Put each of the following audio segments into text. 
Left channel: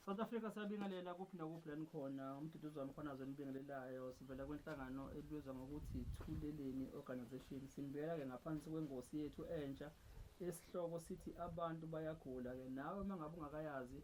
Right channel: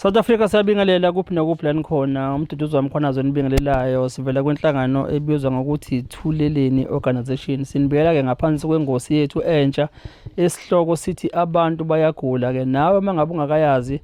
South Africa siyabingelela kuphi nakuphi la nikhona. Umduduzo wamkhwanazo nibingelelayo sivela kwenhlangano ebizwa ngokuthi Thuleleni Organization. Sinibikela-ke ngaphansi kwengosi yethu entsha esihloko sithi abantu bayagula. Ke nawe mangabe ungakayazi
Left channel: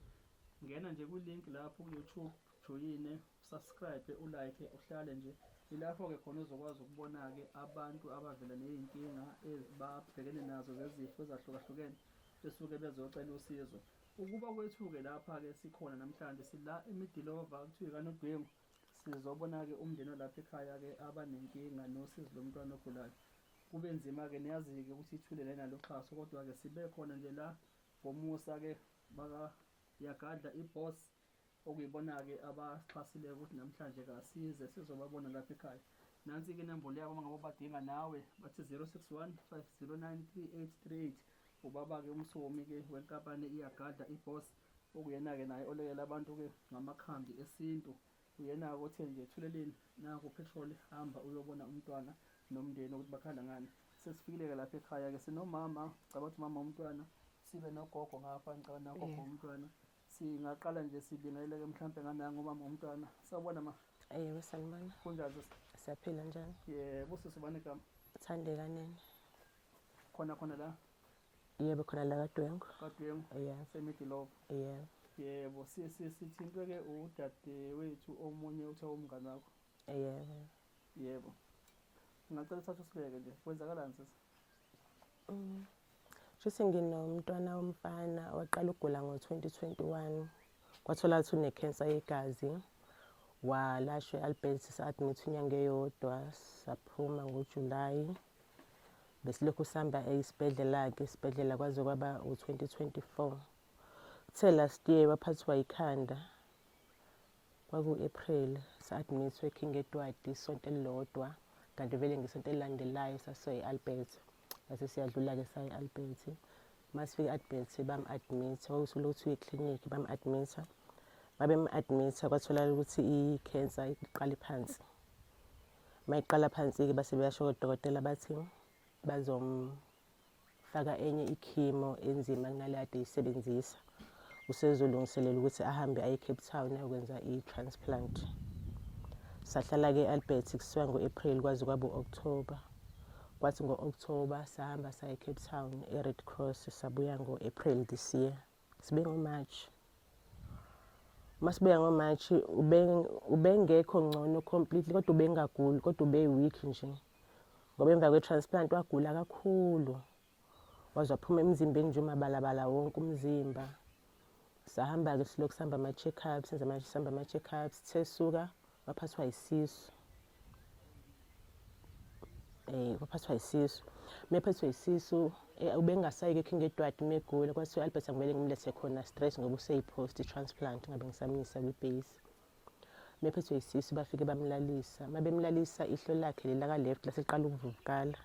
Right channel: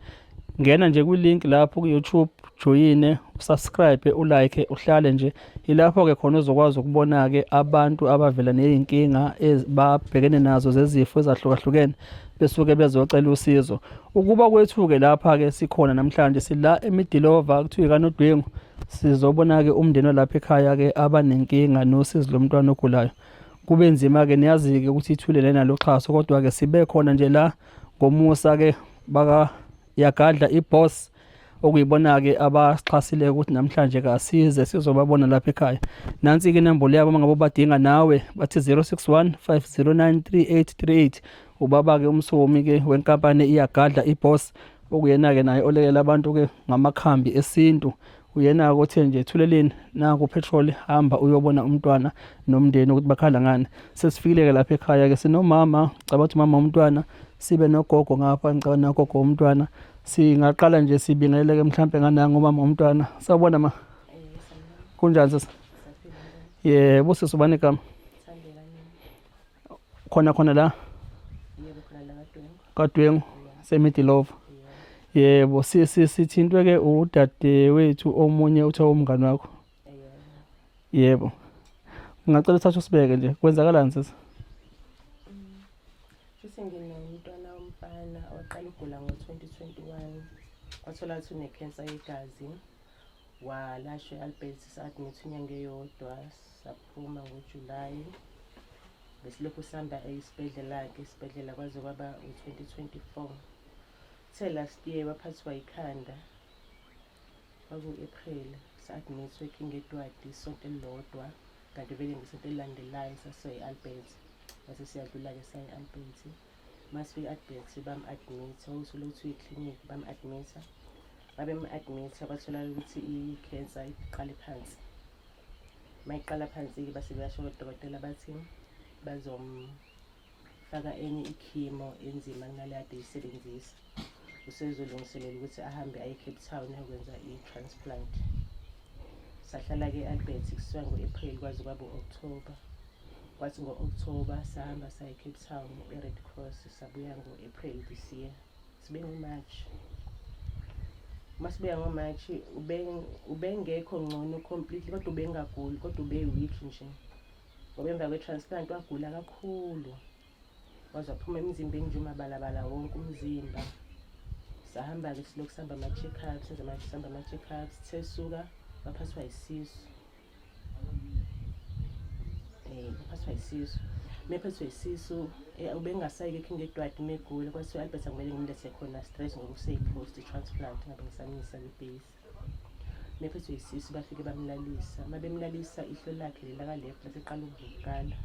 ngena nje kwi-link lapho ku-YouTube, joyine, subscribe, ulike, uhlale nje. Ilapho-ke khona uzokwazi ukubona-ke abantu abavela ney'nkinga babhekene nazo zezifo ezahlukahlukene besuke bezocela usizo. Ukuba kwethu-ke lapha-ke sikhona namhlanje sila eMidilova kuthiwa ikanodwengu. Sizobona-ke umndeni walapha ekhaya-ke abanenkinga nosizo lomntwana ogulayo. Kube nzima-ke niyazi-ke ukuthi ithulele nalo xhaso, kodwa-ke sibe khona nje la ngomusa-ke yagadla iboss okuyibona-ke abasixhasile ukuthi namhlanje kasize sizobabona lapha ekhaya. Nansi-ke inombolo yabo mangabe badinga nawe bathi 061 509 3838. Ubaba-ke umsomi-ke wenkampani iyagadla iboss okuyena-ke naye olekela abantu-ke ngamakhambi esintu. Uyena-ke othe nje Thuleleni naku petrol, hamba uyobona umntwana nomndeni ukuthi bakhala ngani. Sesifikile-ke lapha ekhaya-ke sinomama, cabanga ukuthi umama womntwana, sibe nogogo ngapha ngicabanga nogogo womntwana. Singaqala nje sibingelele-ke mhlampe ngananga umama womntwana. Sawubona ma. Kunjani sisi? Yebo sisi, ubani igama? Khona la? Yebo khona la Kadwengu seMidilova. Yebo sithintwe-ke udade wethu omunye uthiwa umngani wakho. Yebo. Ngingacela uthathe usibeke nje. Kwenzakalani sisi? Futhi nginomntwana womfana oqala ukugula ngo-2021. Wathola ukuthi une-cancer yegazi. Walashwa e-Albert sa-admit inyanga eyodwa, saphuma ngoJulayi. Besilokhu sihamba esibhedlela-ke, esibhedlela kwaze kwaba u-2024. Uthe last year waphathwa ikhanda. Kwaku-April sa-admit-wa eKing Edward isonto elilodwa. Kanti vele ngesonto elilandelayo sase-Albert. Mase siyadlula-ke sayi-Albert. Masifika e-Albert bam-admit, kwakusulothi eklinikhi bam-admit. Babem-admit kwatholakala ukuthi i-cancer iqale phansi. Mayiqala phansi-ke base beyasho kodokotela bathi bazomfaka enye ikhimo enzima kunale ade eyisebenzisa. Usezolungiselela ukuthi ahambe aye eCape Town ayokwenza i-transplant. Sahlala-ke e-Albert kusuka ngo-April kwaze kwaba u-October. Kwathi ngo-October sahamba saya eCape Town e-Red Cross, sabuya ngo-April this year. Sibe ngo-March. Masibuya ngo-March ubengekho ngcono completely, kodwa ubengaguli, kodwa ube-weak nje. Ngoba emva kwe-transplant wagula kakhulu. Waze waphuma emzimbeni nje umabalabala wonke umzimba. Sahamba-ke silokhu sihamba ama-check-ups, sihamba ama-check-ups, sesuka waphathwa yisisu. Waphathwa yisisu. Mephathwa yisisu, ubengasayike eKing Edward megula, kwathiwa i-Albert akumele ngimlethe khona stress ngoba useyi-post i-transplant, ngabe ngisamisa kwi-base. Mephathwa yisisu bafike bamlalisa. Mabemlalisa ihlo lakhe lelaka-left laseqala ukuvuvukala.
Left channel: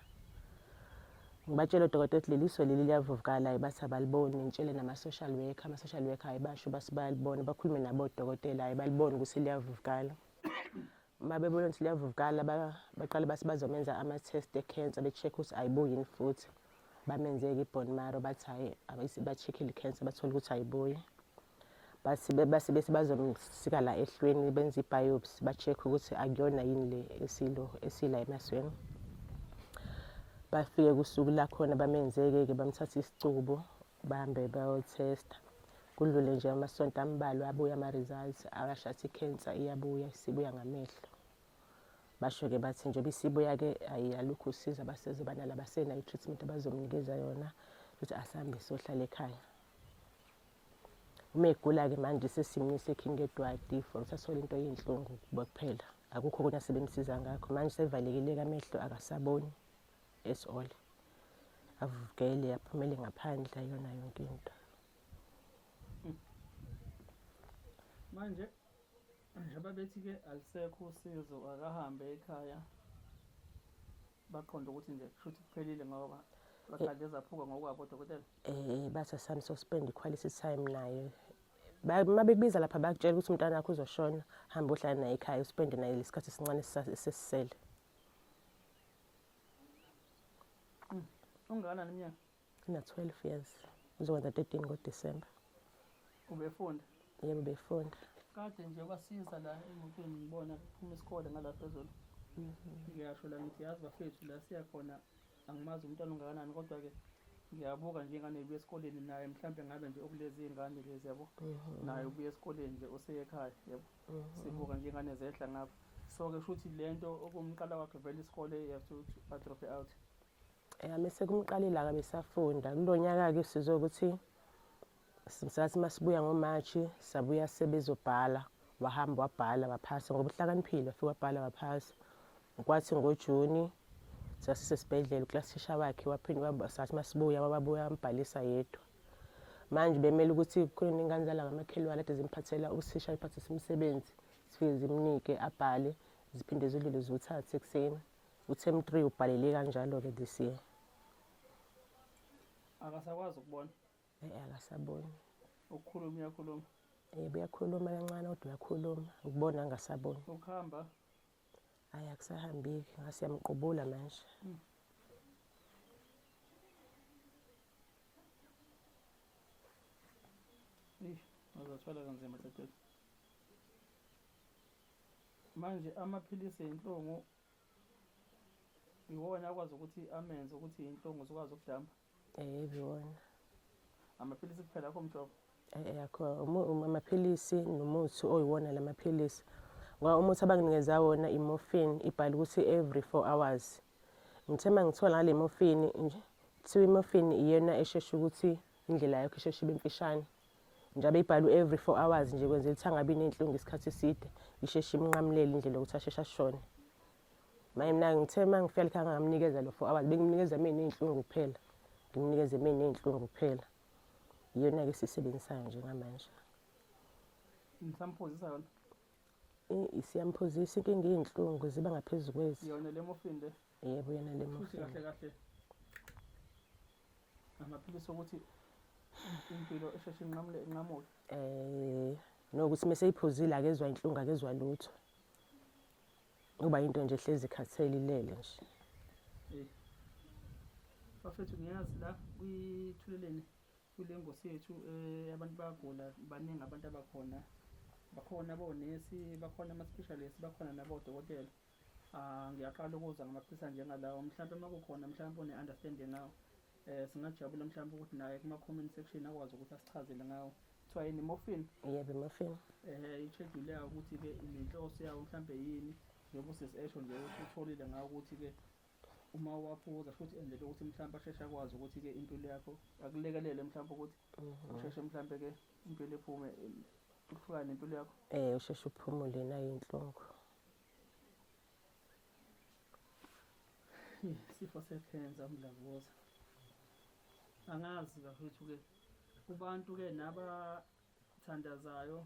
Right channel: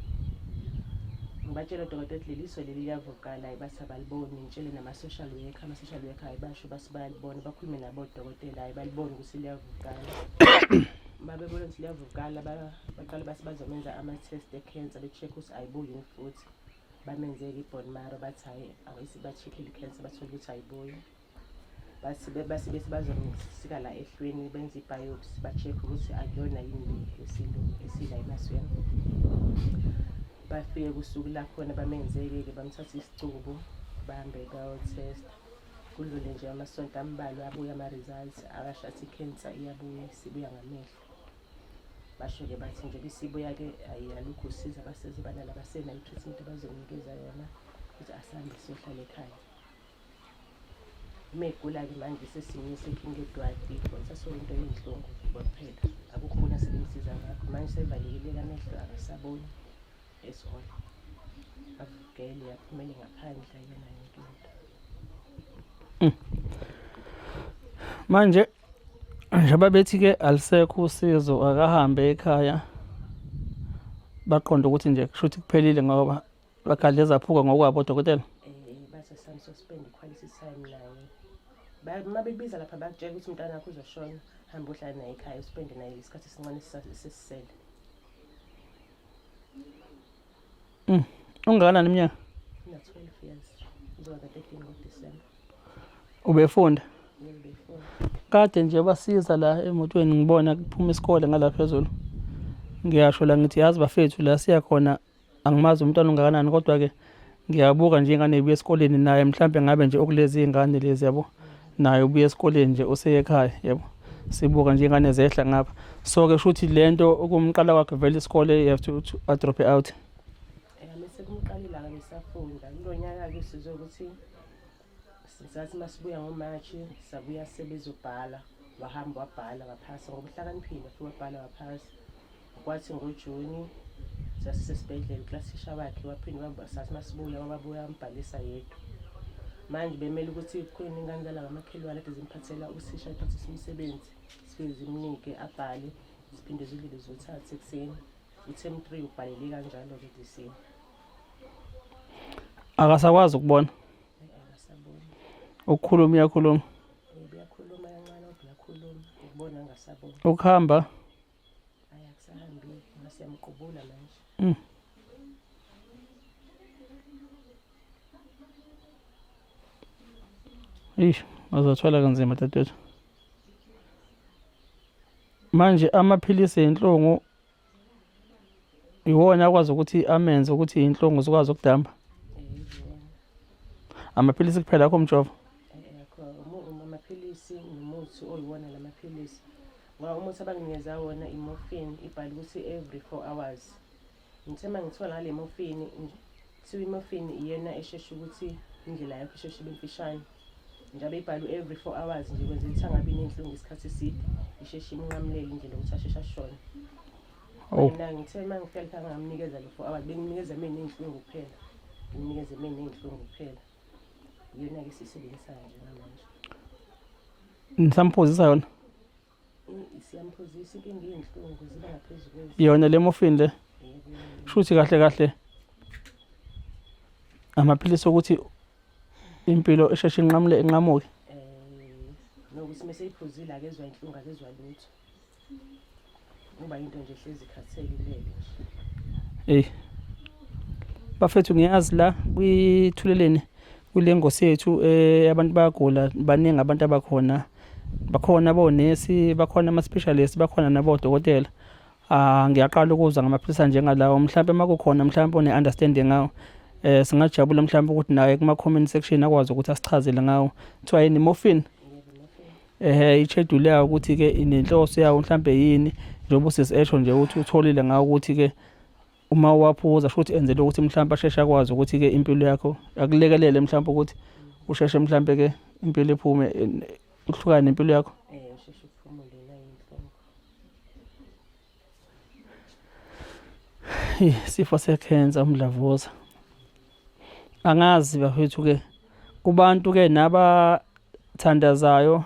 Ngibatshela udokotela ukuthi leli iso leli liyavuvukala, bathi abaliboni. Ngitshele nama-social worker, ama-social worker ayibasho basi bayalibona, bakhulume nabo odokotela ayibalibona ukuthi liyavuvukala. Babebona ukuthi liyavuvukala baqala basi bazomenza ama-test e-cancer, be-check ukuthi ayibuyi yini futhi. Bamenzeke i-bone marrow bathi hhayi abese ba-check-ile i-cancer bathole ukuthi ayibuyi. Base bazomsika la ehlweni benze i-biopsy, ba-check ukuthi akuyona yini le esila emasweni. Bafike kusuku la khona bamenzeke-ke bamthatha isicubu bahambe bayo-testa. Kudlule nje amasonto ambalwa abuya ama-results abasho athi i-cancer iyabuya isibuya ngamehlo. Basho-ke bathi njengoba isibuya-ke alukho usizo abaseze banalo, abasenayo i-treatment abazomnikeza yona ukuthi asahambe siyohlala ekhaya. Uma egula-ke manje sesimisa eKing Edward sasole into eyinhlungu kuphela. Akukho khona sebemsiza ngakho. Manje sevalekile amehlo akasaboni at all. Avukele aphumele ngaphandle ayona yonke into. Manje njengoba bethi-ke alisekho usizo akahambe ekhaya, baqonda ukuthi nje kusho ukuthi kuphelile ngoba bagadle zaphuka ngokwabo odokotela. Bathi asamsuspend i-quality time naye. Mabekubiza lapha bakutshela ukuthi umntwana wakho uzoshona, hamba uhlala naye ekhaya, uspende naye isikhathi esincane sesisele. Ungakanani iminyaka? Ina-12 years. Uzokwenza 13 ngoDisemba. Ubefunda? yebo before. Kade nje basiza la emotweni ngibona kuphuma isikole ngala phezulu. Ngiyasho la ngithi yazi bafethu la siya khona angimazi umntwana ungakanani kodwa-ke ngiyabuka nje ingane ibuya esikoleni naye mhlampe ngabe nje okulezi ingane lezi yabo naye ubuya esikoleni nje useye ekhaya yabo. Sibuka nje ingane zehla ngapha. So-ke shuthi lento ukumqala kwakhe vele isikole you have to drop it out. Mise kumqalile-ke ngisafunda kulo nyaka-ke sizwe ukuthi sathi masibuya ngoMashi sabuya sebezobhala wahamba wabhala waphasa ngoba uhlakaniphile futhi wabhala waphasa. Kwathi ngoJuni sasisesibhedlela uklasisha wakhe waphinde sathi masibuya wababuya wambhalisa yedwa. Manje bemele ukuthi kukhona ingane zala ngamakhelwane kade zimphathela usisha iphathisa umsebenzi sifike zimnike abhale ziphinde zilile zothatha ekuseni. U-term 3 ubhalele kanjalo-ke this year. Akasakwazi ukubona. Akasaboni. Ukukhuluma uyakhuluma. Uyakhuluma kancane kodwa uyakhuluma. Ukubona angasaboni. Ukuhamba. Hayi akusahambi ngasiyamqubula manje. Azothwala kanzima dadewethu. Manje amaphilisi enhlungu iwona akwazi ukuthi amenze ukuthi inhlungu zikwazi ukudamba. Yiwona. Amaphilisi kuphela akho umjovo. Amaphilisi nomuthi oyiwona lamaphilisi. Ngoba umuthi abanginikeza wona i-morphine ibhala ukuthi every 4 hours. Ngithe mangithola ngale morphine kuthiwa i-morphine iyona eshesha ukuthi indlela yakho isheshe ibe mfishane. Njalo ibhalwe every 4 hours nje kwenzela ukuthi angabi nenhlungu isikhathi eside isheshe imnqamulele indlela yokuthi asheshe ashone. Mina ngithe mangifika ekhaya ngamnikeza lo 4 hours benginikeza mina inhlungu kuphela. Nginikeze mina inhlungu kuphela. Iyona ke sisebenzisayo nje ngamanje. Nisamphuzisa yona? Siyamphuzisa inkinga yinhlungu ziba ngaphezulu kwezi. Yona le morphine le? Yebo. Shuthi kahle amaphilisi ukuthi impilo esheshe inqamuke. Nokuthi meseyiphuzile akezwa inhlungu akezwa lutho. Ngoba into nje ehlezi ikhathele ilele nje. Bafethu ngiyazi la kwithuleleni kule ngosi yethu abantu bayagula baningi abantu abakhona. Bakhona abonesi, bakhona ama-specialists, bakhona nabodokotela. Ngiyaqala ukuzwa ngamaphilisi njengalawo mhlambe makukhona mhlambe one-understanding ngawo. Singajabula mhlambe ukuthi naye kuma-comment section akwazi ukuthi asichazele ngawo. Kuthiwa yini morphine? Yebo morphine. I-schedule yawo ukuthi-ke inenhloso yawo mhlambe yini njengoba usisesho nje ukuthi utholile ngawo ukuthi-ke uma waphuza futhi enzele ukuthi mhlambe asheshe akwazi ukuthi-ke impilo yakho akulekelele mhlambe ukuthi usheshe mhlambe-ke impilo iphume uhlukane nempilo yakho. Usheshe uphumule nayo inhlungu. Isifo se-cancer umdlavuza. Angazi bafethu-ke kubantu-ke nabathandazayo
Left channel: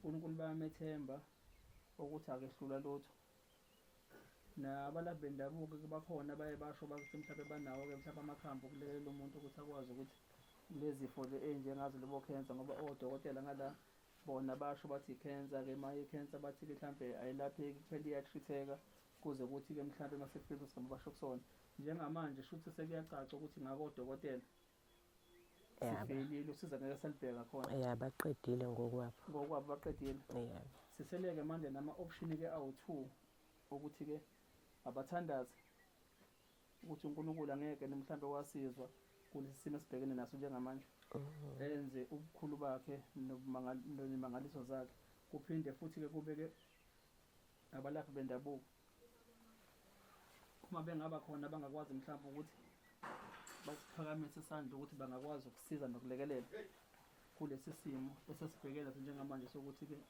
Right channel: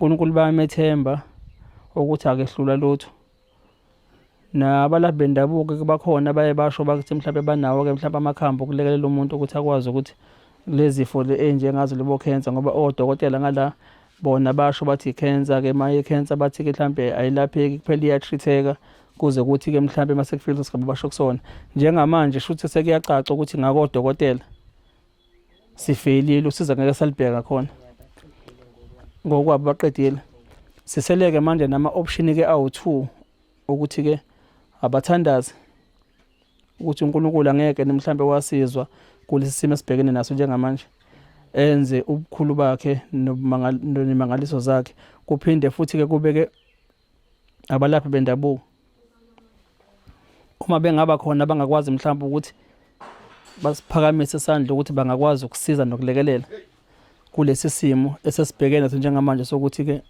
uNkulunkulu bayamethemba ukuthi akehlula lutho. Nabalaphi bendabuko bakhona baye basho bakuthi mhlambe banawo-ke mhlambe amakhambi okulekelela umuntu ukuthi akwazi ukuthi lezi zifo enjengazo lebo cancer ngoba odokotela ngala bona basho bathi i-cancer-ke maye i-cancer bathi-ke mhlambe ayilapheki kuphela iyatreat-eka kuze ukuthi-ke mhlambe mase kufika isigaba basho kusona. Njengamanje shuthi sekuyacaca ukuthi ngakodokotela sifailile usiza ngeke salibheka khona. Baqedile ngokwabo baqedile. Siseleke manje nama-option-ke awu-2 ukuthi-ke abathandazi ukuthi uNkulunkulu angeke mhlambe wasizwa kulesi simo esibhekene naso njengamanje. Enze ubukhulu bakhe nemangaliso zakhe kuphinde futhi-ke kubeke abalaphi bendabuko. Uma bengaba khona bangakwazi mhlawumbe ukuthi basiphakamise isandla ukuthi bangakwazi ukusiza nokulekelela kulesi simo esesibhekene naso njengamanje sokuthi-ke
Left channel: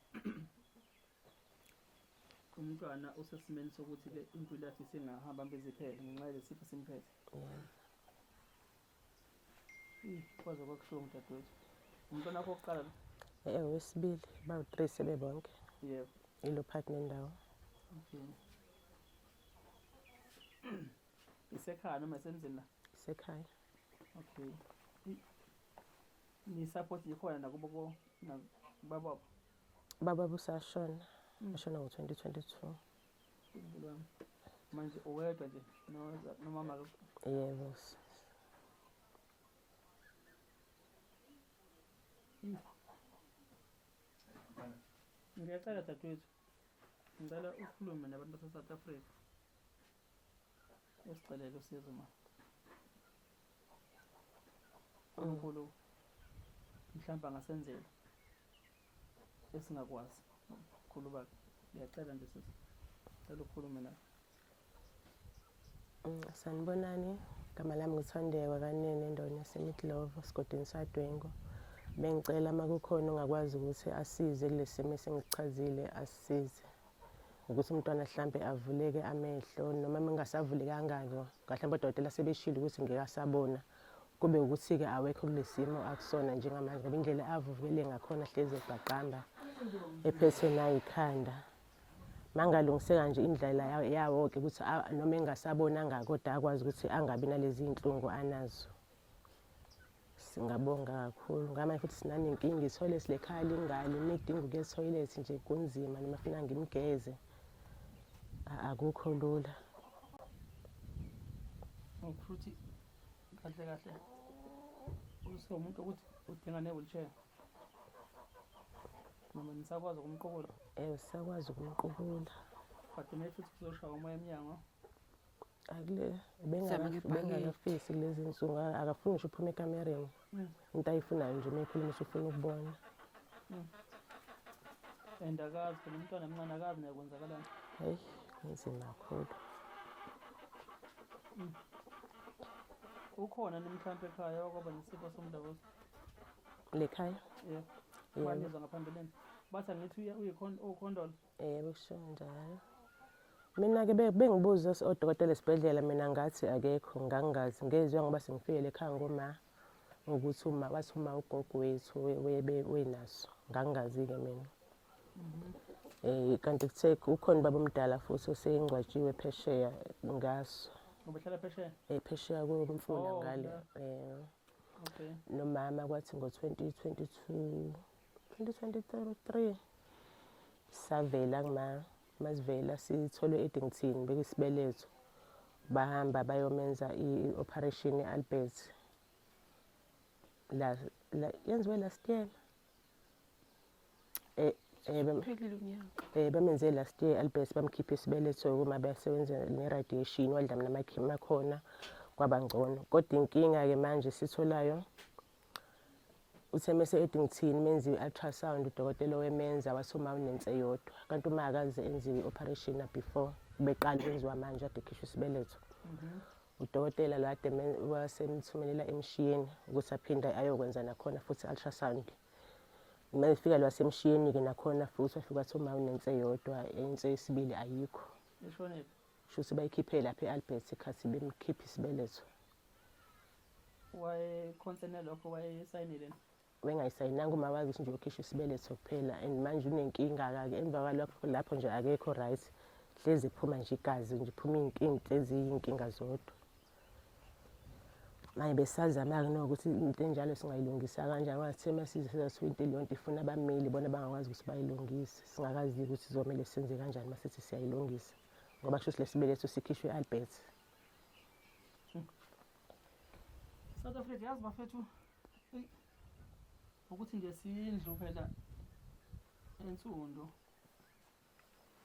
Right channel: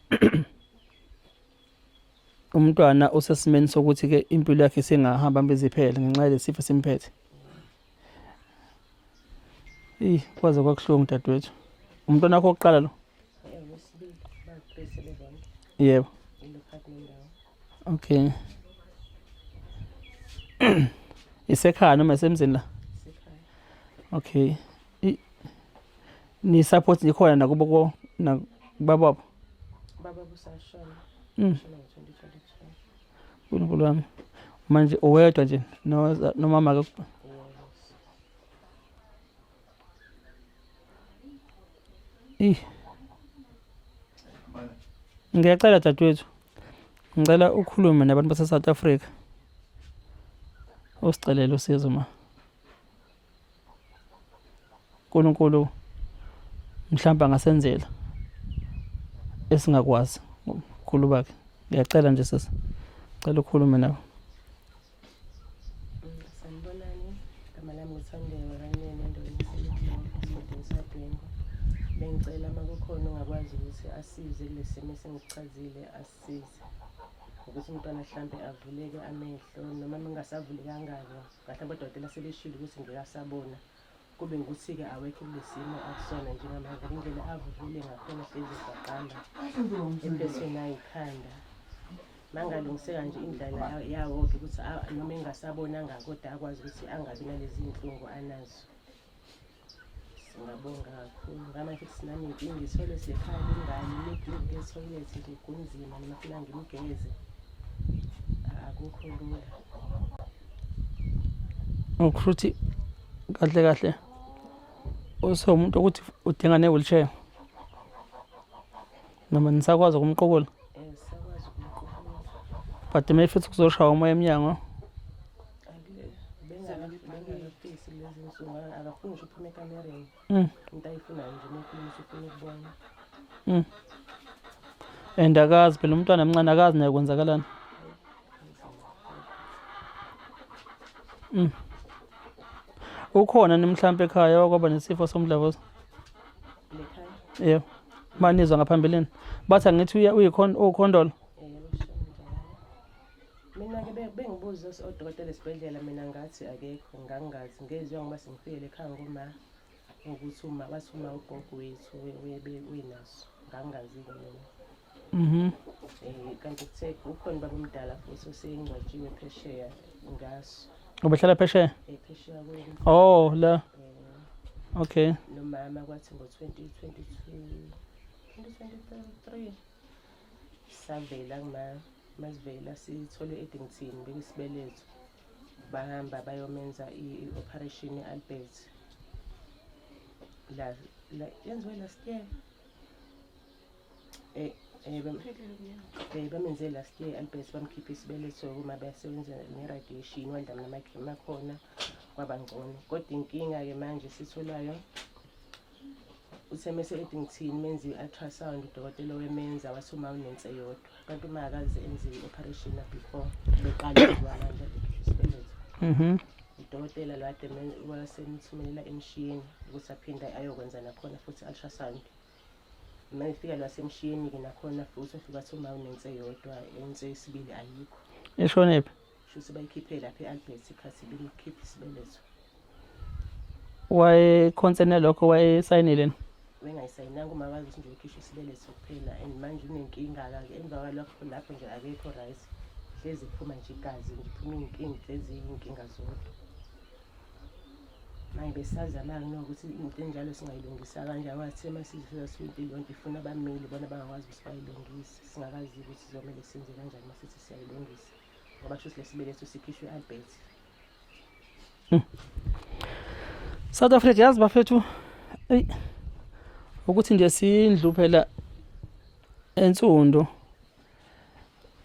umntwana usesimeni sokuthi-ke impilo yakhe singahamba mbeziphele ngenxa yalesi sifo simphethe. Kwaze kwakuhlungu dadewethu. Umntwana wakho oqala lo? Wesibili bayiphese bebonke. Yebo. Yilo partner ndawo. Okay. Isekhaya noma esemzini la? Isekhaya. Okay. Ni support nikhona nakubo nakubaba? Baba busashona. Shona ngo-2022. uNkulunkulu wami. Manje uwedwa nje nomama ke? Yebo. Ngiyacela dadewethu, ngicela ukhulume nabantu base-South Africa usicelela usizo ma. uNkulunkulu mhlawumbe angasenzela esingakwazi ubukhulu bakhe. Ngiyacela nje sisi, ngicela ukhulume nabo. Sanibonani, igama lami uThandewa kanene endaweni yaseMiddelburg esigodini saDwengu. Bengicela uma kukhona ongakwazi ukuthi asize kule simo esengichazile asisize. Ukuthi umntwana mhlambe avuleke amehlo noma mengasavulekanga mhlawumbe odokotela sebeshilo ukuthi ngeke asabona. Kube ukuthi-ke awekho kule simo akusona njengamanje indlela avuvule ngakhona hlezi egwaqanga ephethwe nayikhanda. Mangalungiseka nje indlela yawo-ke ukuthi noma engasabonanga kodwa akwazi ukuthi angabi nalezi iy'nhlungu anazo. Singabonga kakhulu. Ngamanje futhi sinaney'nkinga ithole silekhaya lingane nenkinga yethoyilethi nje kunzima noma funa ngimgeze. Akukho lula. Ukuthi kahle kahle umuntu ukuthi udinga ne-wheelchair noma nisakwazi ukumqukula. Sakwazi ukumqukula. But maybe kuzoshaya umoya emnyango. Bengakafisi lezi nsuku akafuni ngisho uphume ekamereni. Into ayifunayo nje uma ufuna ukubona. And akazi phela umntwana mncane akazi naye kwenzakalani. Ukhona mhlawumbe ekhaya okwaba nesifo somdlavuza? Ekhaya? Yebo. Manizwa ngaphambilini. Bathi angithi ukhondolo. Mina-ke bengibuza odokotela esibhedlela mina ngathi akekho ngangazi ngezwe ngoba sengifikele ekhaya ngoma ngokuthi bathi uma ugogo wethu wenaso ngangazi-ke mina. Kanti kuthe ukhona baba omdala futhi oseyingcwatshiwe phesheya ngaso. Ubehlala phesheya? Phesheya kweli. Oh la. Okay. Nomama kwathi ngo-2023 savela kuna masivela sithole eDington bekisibeletho bahamba bayomenza i-operation ye-Albert la yenziwe last year bamenze last year Albert bamkhipha isibeletho kuma basebenza ne-radiation wadla namakhema akhona wabangcono. Kodwa inkinga-ke manje sitholayo usemese eDington menze i-ultrasound udokotela wemenza wasoma unense yodwa kanti uma akaze enziwe i-operation before beqala ukubala nje abhekisha isibeletho. Udokotela lade wasemthumelela emshiyeni ukuthi aphinde ayokwenza nakhona futhi ultrasound. Mayifika lwasemshiyeni-ke nakhona futhi afika athoma unense yodwa ense yesibili ayikho. Eshonephi? Shuthi bayikhiphe lapha e-Albert ikhathi bemkhipha isibeletho. Wayekhonsene lokho wayesayinile? Bengayisayinanga uma bazi ukuthi nje ukhishwa isibeletho kuphela and manje unenkinga-ke emva kwalapho lapho nje akekho right. Hlezi kuphuma nje igazi nje iphuma into eziyinkinga zodwa. Manje besazama-ke nokuthi into enjalo singayilungisa kanjani wathi masizifika sithi into lonke ifuna abameli bona bangakwazi ukuthi bayilungise. Singakazi ukuthi sizomele senze kanjani masithi siyayilungisa ngoba shuthi lesibeletho sikhishwe e-Albert. South Africa yazi bafethu ukuthi nje sindlu phela ensundo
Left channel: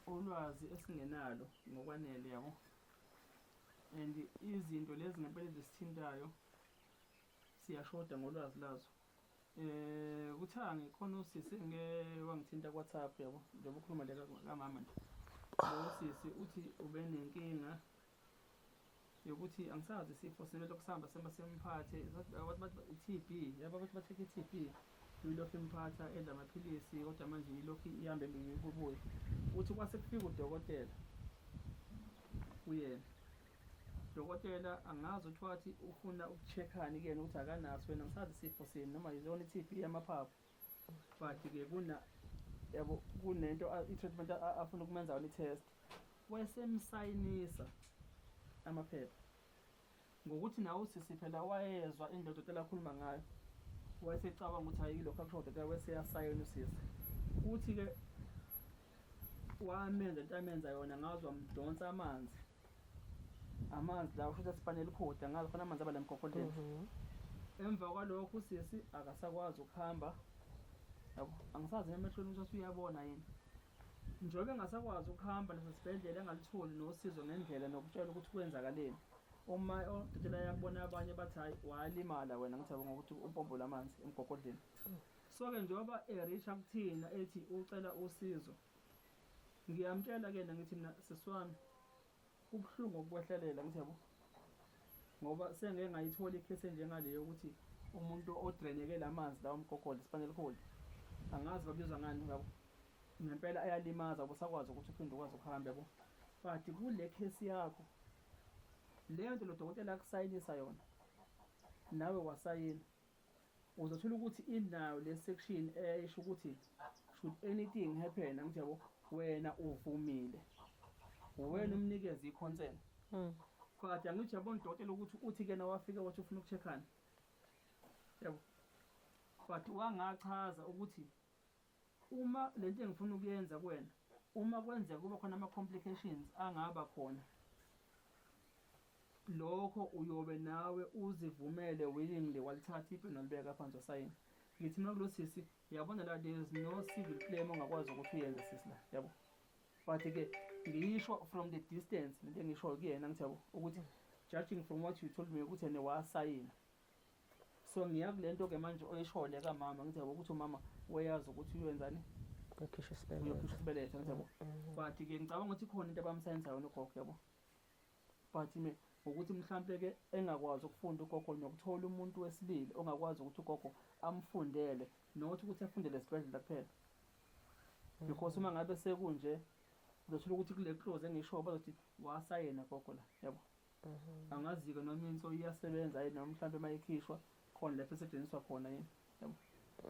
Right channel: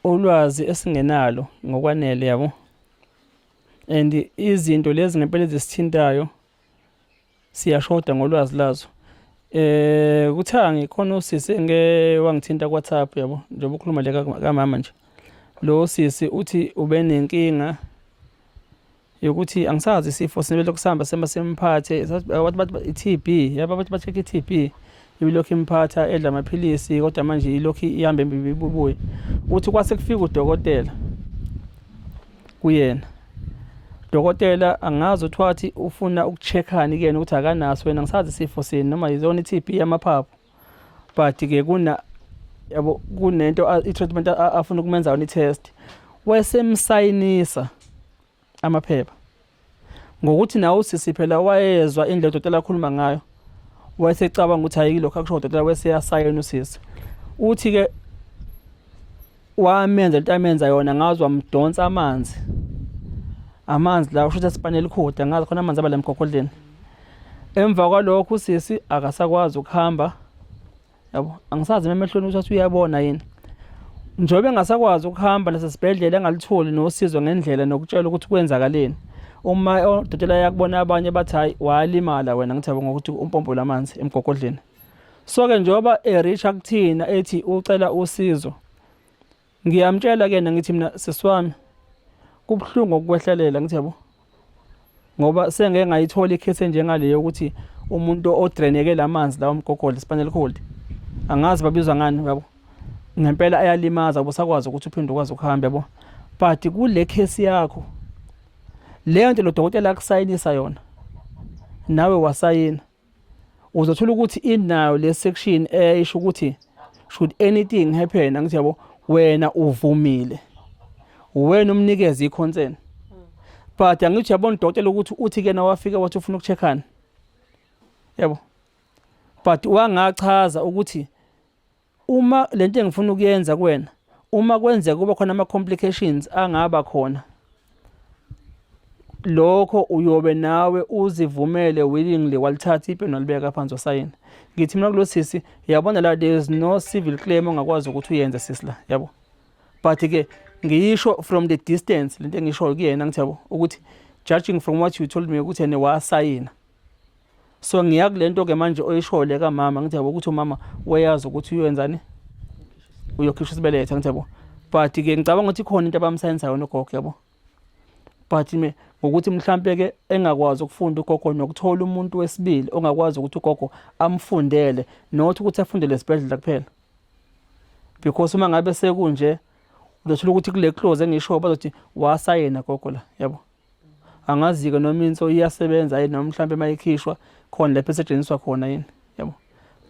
ulwazi esingenalo ngokwanele yabo. And izinto lezi ngempela ezisithintayo siyashoda ngolwazi lazo. Kuthiwa ngikhona usisi wangithinta ku-WhatsApp yabo njengoba ukhuluma le kamama nje. Lo sisi uthi ube nenkinga yokuthi angisazi isifo sinebele kusamba semphathe bathi i-TB yaba bathi ba-check i-TB ibilokhu imphatha edla amaphilisi kodwa manje ilokhu ihamba embibubuye. Uthi kwase kufika udokotela kuyena. Dokotela angazi ukuthi wathi ufuna ukucheckani kuyena ukuthi akanaso wena ngisazi isifo sini noma yizona i-TB yamaphaphu. But ke yabo kunento i-treatment afuna ukumenza yona i-test. Wasemsayinisa amaphepha. Ngokuthi nawe usisi phela wayezwa indlela udokotela akhuluma ngayo. Wayesecabanga ukuthi ayikho akusho udokotela weseyasayina usisi. Uthi ke wamenza into amenza yona ngazwa mdonsa amanzi. Amanzi la usho ukuthi asipanela ikhoda ngazi khona amanzi abala emgogoleni. Emva kwalokho usisi akasakwazi ukuhamba. Yabo angisazi emehlweni ukuthi uyabona yini. njengoba engasakwazi ukuhamba nasesibhedlela engalitholi nosizo ngendlela nokutshela ukuthi kwenzakaleni. Uma odokotela yakubona abanye bathi hayi walimala wena ngithi yabo ngokuthi umpompo lamanzi emgogodleni. So ke njengoba ereach kuthina ethi ucela usizo, ngiyamtshela ke ngithi mina sisiwami kubhlungu ukukwehlelela ngithi yabo, ngoba sengeke ngayithola ikhesi njengaleyo ukuthi umuntu odreneke lamanzi lawo umgogodla spinal cord angazi babizwa ngani yabo, ngempela ayalimaza ubusakwazi ukuthi uphinde ukwazi ukuhamba yabo. But kule case yakho leyo nto lo dokotela akusayinisa yona nawe wasayina, uzothola ukuthi inayo le section esho ukuthi should anything happen ngithi yabo wena uvumile, wena umnikeza iconsent. But angithi yabona udokotela ukuthi uthi ke na wafika wathi ufuna ukucheckana yabo, but wangachaza ukuthi uma lento engifuna ukuyenza kuwena uma kwenzeka kuba khona ama complications angaba khona, lokho uyobe nawe uzivumele willingly walithatha ipeni walibeka phansi wasayina. Ngithi mina kulo sisi yabona la there is no civil claim ongakwazi ukuthi uyenze sisi la yabo, but ke ngiyisho from the distance lento engisho kuyena ngithi yabo ukuthi judging from what you told me ukuthi yena wasayina. So ngiyakulento ke manje oyishole kaMama ngithi yabo ukuthi uMama wayazi ukuthi uyenzani uyokhishwa isibelethe ngithi yabo, but ke ngicabanga ukuthi khona into abamsayinisa yona ugogo yabo. But me ngokuthi mhlambe ke engakwazi ukufunda ugogo nokuthola umuntu wesibili ongakwazi ukuthi ugogo amfundele not ukuthi afundele esibhedlela kuphela, because uma ngabe sekunje uzothola ukuthi kule clause engisho bazothi wasayena gogo la yabo. Angazi ke noma inso iyasebenza yini noma mhlambe mayikhishwa khona lapho esetshenziswa khona yini yabo.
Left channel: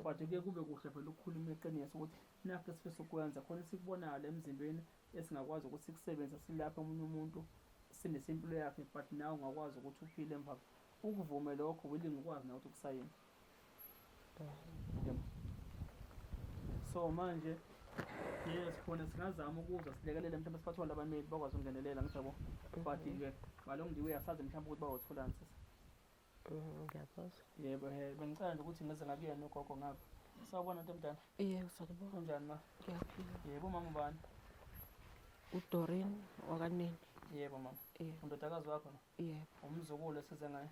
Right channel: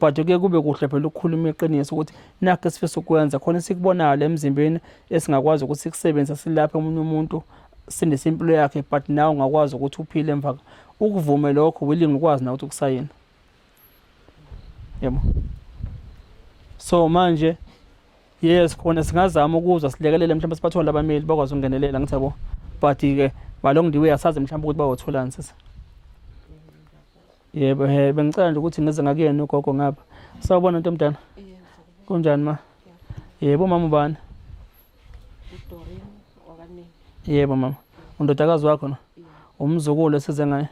But ke kube kuhle phela ukukhuluma iqiniso ukuthi nakho sifisa ukwenza khona sikubonayo emzimbeni esingakwazi ukuthi sikusebenza silapha umunye umuntu sinesimpilo yakhe, but nawe ungakwazi ukuthi uphile emva ukuvume lokho willing ukwazi na ukuthi ukusayina yabo. So manje yes khona singazama ukuzwa silekelele mhlawumbe siphathola abameli bakwazi ukungenelela ngithi yabo, but ke along the way asazi mhlawumbe ukuthi bawotholani sisi. Yebo bengicela nje ukuthi ngize ngakuyena ugogo ngapha. Sawubona Ntomdana. Kunjani ma? Yebo mama ubani? uDori wakane. Yebo mama. Undodakazi wakho na? Umzukulu esize ngaye.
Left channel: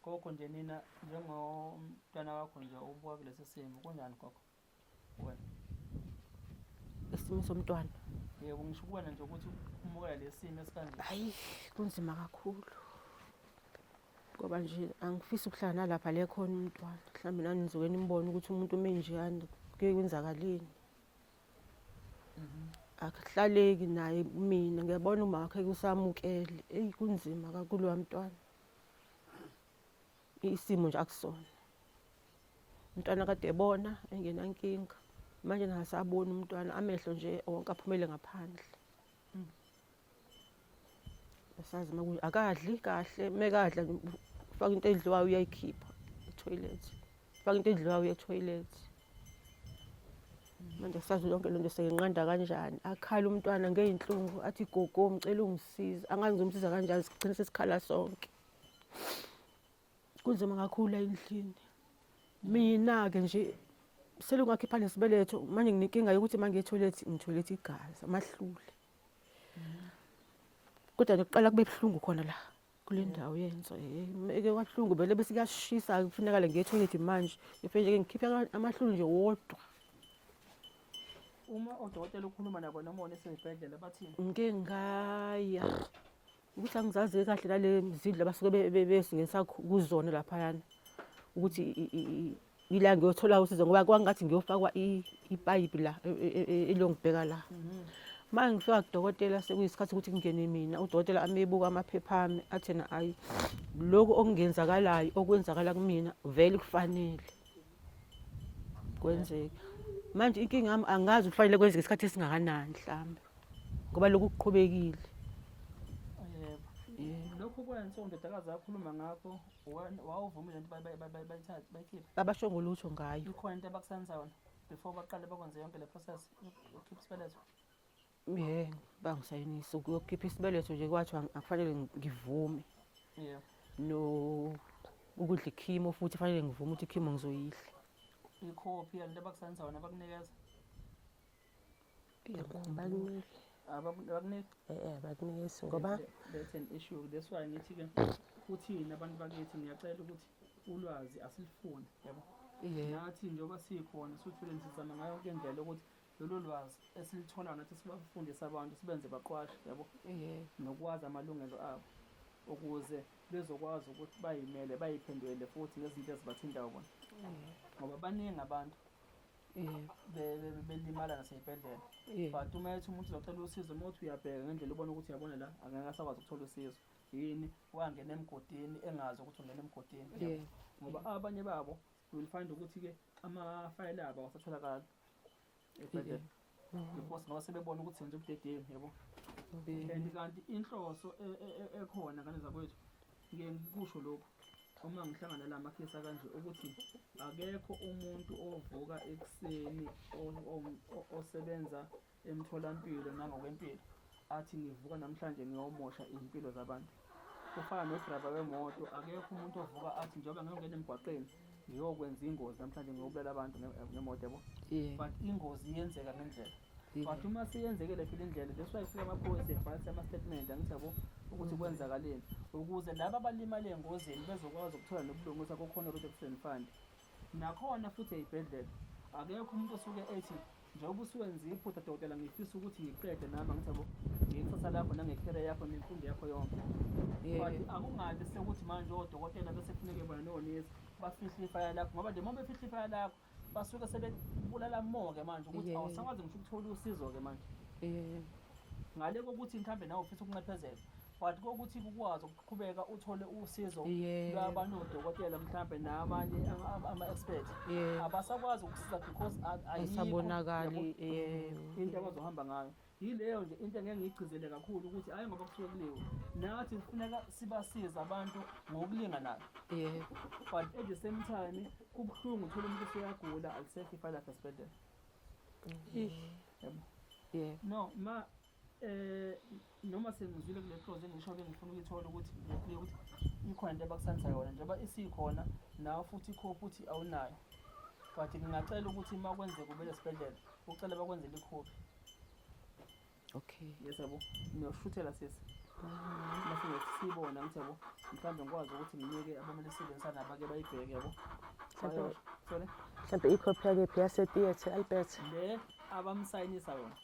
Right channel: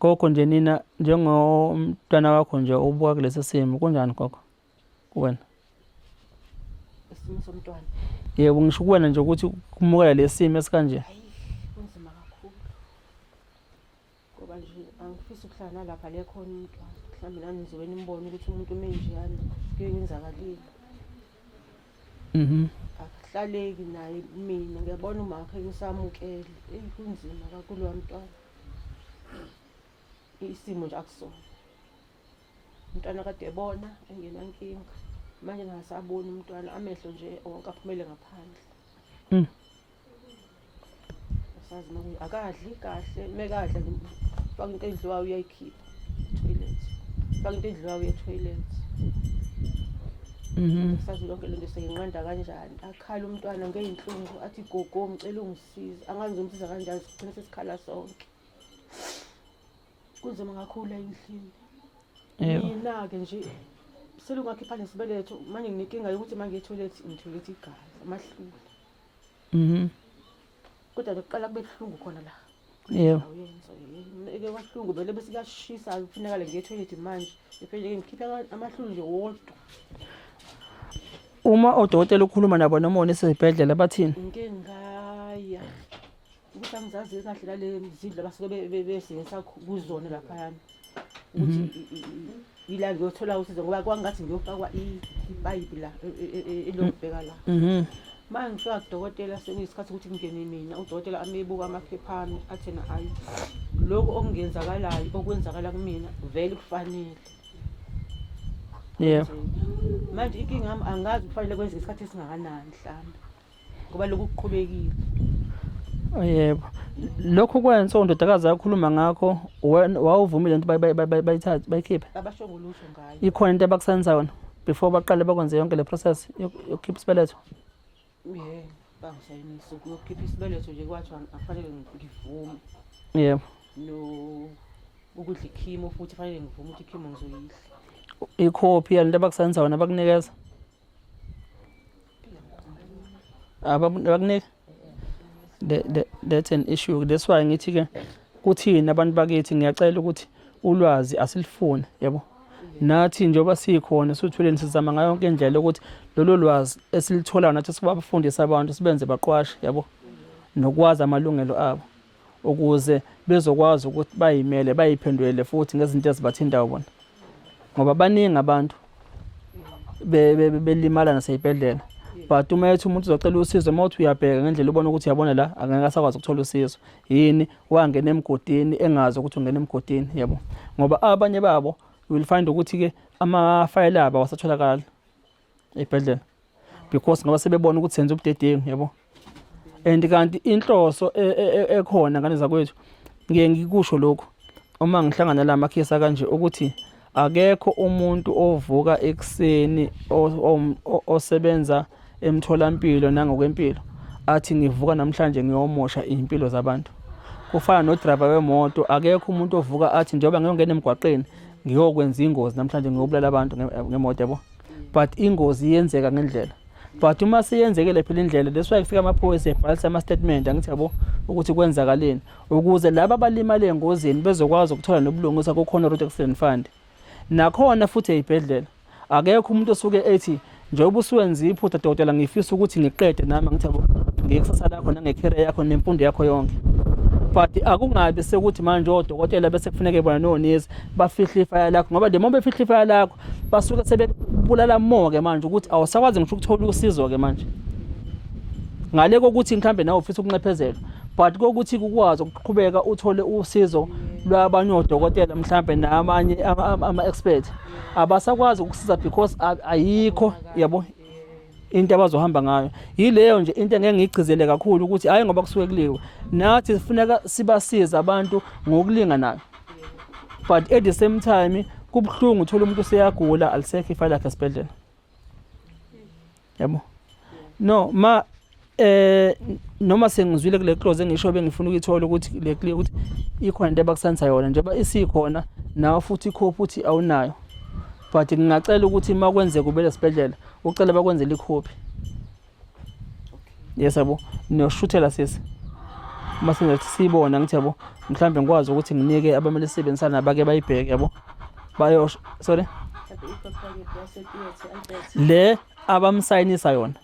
Gogo nje nina njengomntwana wakho nje ubuka kulesi simo kunjani gogo kuwena? Isimo somntwana. Yebo ngisho kuwena nje ukuthi kumukela lesimo esikanje. Hayi kunzima kakhulu. Ngoba nje angifisi ukuhlala nalapha le khona umntwana. Mhlawumbe nangiziweni imboni ukuthi umuntu omenjani kuyenzakalini. Akuhlaleki naye mina ngiyabona uma wakhe ngisamukele. Kunzima kakhulu wamntwana. Isimo nje akusona. Umntwana kade ebona engenankinga. Manje ngasabona umntwana amehlo nje onke aphumele ngaphandle. Sazi nokuthi akadli kahle, mekadla faka into edliwayo uyayikhipha toilet. Faka into edliwayo uye toilet. Sazi lonke lento seyinqanda kanjani. Akhala umntwana ngeinhlungu athi gogo ngicela ungisize. Angazi ngomsiza kanjani sigcina sesikhala sonke. Kunzima kakhulu endlini. Mina ke nje selungakhipha nesibeletho manje nginenkinga yokuthi manje etoilet ngitoilet igazi amahlule. Kodwa lokuqala kube buhlungu khona la. Yebo. Uyenza eke kwahlungu vele bese kuyashisa kufuneka le ngetoilet manje. Ngifike ngikhipha amahlule nje wodwa. Uma odokotela ukhuluma nabo noma onesibhedlela bathini? Ngike ngaya. Ukuthi angizazi kahle lale mzidla basuke besingisa kuzona lapha yana. Ukuthi ila ngiyothola usizo ngoba kwangathi ngiyofakwa ipipe la elongibheka la. Manje ngifika kudokotela sekuyisikhathi ukuthi ngingene mina udokotela amebuka amaphepha ami athena ayi lokho okungenzakalayo okwenzakala kumina vele kufanele. Yebo. Manje inkinga yami angazi kufanele kwenze isikhathi esingakanani mhlawumbe ngoba lokhu kuqhubekile. Yebo. Lokho kwenza undodakazi yakhuluma ngakho wawuvumile into bayithathe bayikhiphe. Abasho ngolusho ngayo. Ikhona into abakusenza yona before baqale bakwenze yonke le process yokukhipha isibeletho. Bangisayinisa ukukhipha isibeletho nje kwathi afanele ngivume. Yebo. No ukudla ikhimo futhi fanele ngivume ukuthi ikhimo ngizoyidla. Ikhophi yalento abakusenza yona bakunikeza. abakunike that's an issue. That's why ngithi ke kuthini abantu bakithi ngiyacela ukuthi ulwazi asilifuni yabo. Nathi njengoba sikhona sithuleni sizama ngayo yonke indlela ukuthi lolu lwazi esilithola nathi sibafundisa abantu sibenze baqwashe yabo. Nokwazi amalungelo abo ukuze bezokwazi ukuthi bayimele bayiphendulele futhi ngezinto ezibathindayo bona. Ngoba baningi abantu belimala naseyibhedlela. But uma ethi umuntu uzocela usizo mawuthi uyabheka ngendlela ubona ukuthi uyabona la angeke asakwazi ukuthola usizo. Yini wangena emgodini engazi ukuthi ungena emgodini yabo. Ngoba abanye babo you will find ukuthi ke ama-file abo awasatholakala ebhedlela because ngoba sebebona ukuthi senze ubudedengu yabo. And kanti inhloso ekhona ngane zakwethu ngeke ngikusho lokho uma ngihlangana la makhesi kanje ukuthi akekho umuntu ovuka ekseni osebenza emtholampilo nangokwempilo athi ngivuka namhlanje ngiyomosha impilo zabantu. Kufana no driver wemoto, akekho umuntu ovuka athi njengoba ngiyongena emgwaqeni ngiyokwenza ingozi namhlanje ngiyobulala abantu ngemoto yabo. But ingozi iyenzeka ngendlela. But uma siyenzekele phela indlela that's why kufika amaphoyisa ebhalisa ama statement angithi yabo ukuthi kwenzakaleni ukuze laba abalimala engozini bezokwazi ukuthola nobulungiswa kukhona road accident fund. Nakhona futhi eyibhedlela akekho umuntu osuke ethi njengoba usuwenza iphutha dokotela ngifisa ukuthi ngiqede nami ngithi yabo ngekusasa lakho nangecareer yakho nemfundo yakho yonke. But akungabi sekuthi manje odokotela bese kufuneka bona nonesi bafihle ifaya lakho ngoba noma befihle ifaya lakho basuke sebebulala more ke manje ukuthi awusakwazi ngisho ukuthola usizo ke manje. Ngale kokuthi mhlambe nawe ufisa ukuncephezela but kokuthi kukwazi ukuqhubeka uthole usizo lwabanye odokotela mhlambe namanye ama-expert abasakwazi ukusiza because ayikho yabo into abazohamba ngayo. Yileyo nje into engeke ngigcizele kakhulu ukuthi hayi ngoba kusuke kuliwe nathi sifuneka sibasiza abantu ngokulinganayo. But at the same time kubhlungu uthola umuntu useyagula alisekho ifile lakhe esibhedlela yabo. No noma sengizwile kule close engisho bengifuna ukuyithola ukuthi le clear ukuthi ikhona into abakusanisa yona njengoba isikhona nawe futhi ikhophi uthi awunayo. But ngingacela ukuthi makwenze kube lesibhedlela ucela bakwenzele ikhophi. Yes yabo noshuthela sisi mase ngathi sibona ngithi yabo mhlambe ngikwazi ukuthi nginike abamele sisebenzisana nabake bayibheke yabo bayo sorry le abamsayinisa yona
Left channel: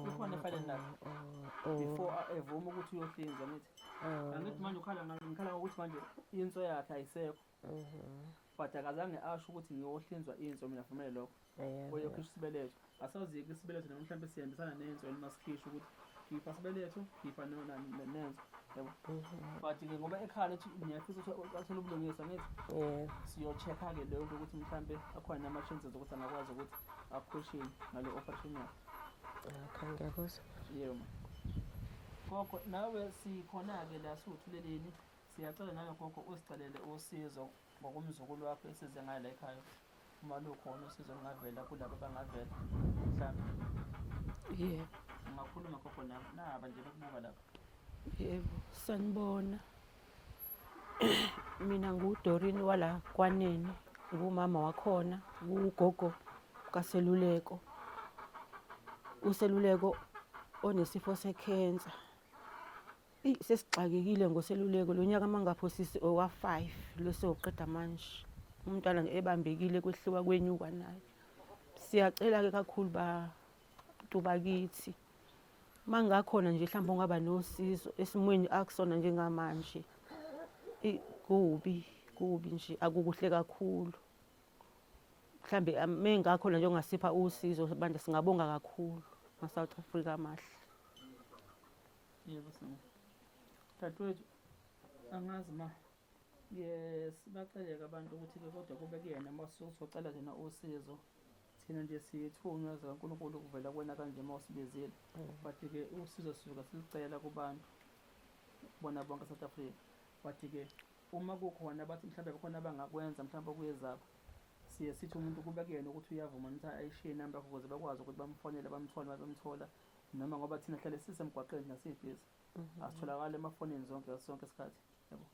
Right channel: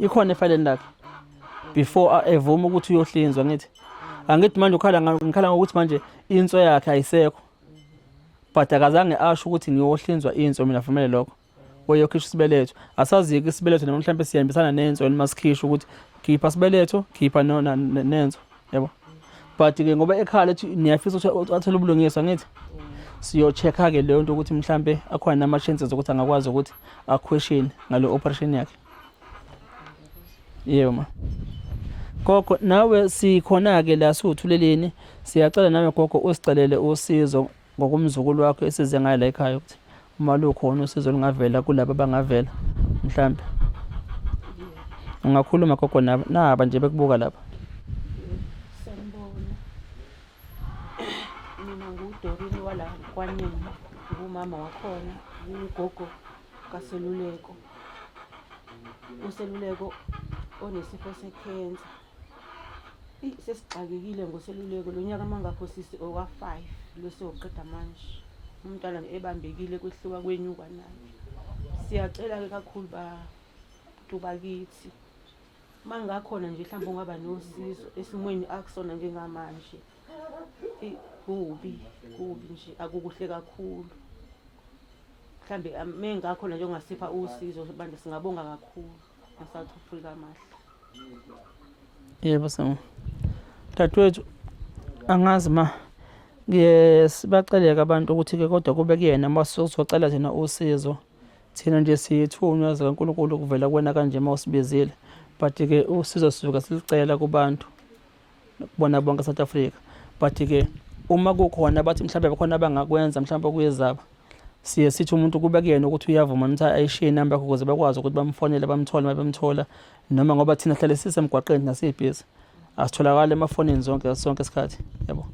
ikhona efileni lakhe before evuma ukuthi uyohlinzwa ngithi angithi manje ngikhala ngokuthi manje inswa yakhe ayisekho. But akazange asho ukuthi ngiyohlinzwa inswa mina vumele lokho oyokhishwa isibeletho asazi-ke isibeletho noma mhlambe siyahambisana nenso masikhishwa ukuthi khipha isibeletho khipha nenso yabo. But ke ngoba ekhala ethi niyafisa ukuthi athole ubulungiswa ngithi siyo-check-a ke leyo nto ukuthi mhlambe akhona nama-chances ukuthi angakwazi ukuthi akweshini ngale operation yakhe. Yebo ma gogo nawe sikhona-ke la siwuthuleleni siyacela nawe gogo usicelele usizo ngokumzukulu wakho esize ngayo la ekhaya ukuthi uma lukhona usizo lungavela kulabo abangavela mhlambe ungakhuluma gogo naba nje bekubuka lapha. Sanibona. Mina nguDorine wala kwanene ngumama wakhona ugogo kaSeluleko. USeluleko onesifo sekhensa. Sesixakekile ngoSeluleko lo nyaka mangapho sisi owa5 lwesoqeda manje. Umntwana ebambekile kwehluka kwenyuka naye. Siyacela ke kakhulu bakithi. Mangakhona nje mhlawumbe ungaba nosizo esimweni akusona njengamanje. Kubi nje akukuhle kakhulu. Mhlambe mengakhona nje ongasipha usizo abantu singabonga kakhulu. South Africa mahle. Yebo sami. Dadwethu angazi ma sibaceleka abantu ukuthi ke kodwa kube kuyena masizocela thina usizo thina nje siyithunywa zikaNkulunkulu kuvela kuwena kanje mawusibizile. But ke usizo sisuka silicela kubantu kubona bonke eSouth Africa. But ke uma kukhona bathi mhlawumbe bekhona abangakwenza mhlawumbe kuyezaba siye sithi umuntu kube kuyena ukuthi uyavuma ukuthi ayishiye inamba yakho ukuze bakwazi ukuthi bamfonele bamthole mabemthola noma ngoba thina hlale sisemgwaqeni nasibhizi asitholakala emafonini sonke isikhathi yabo.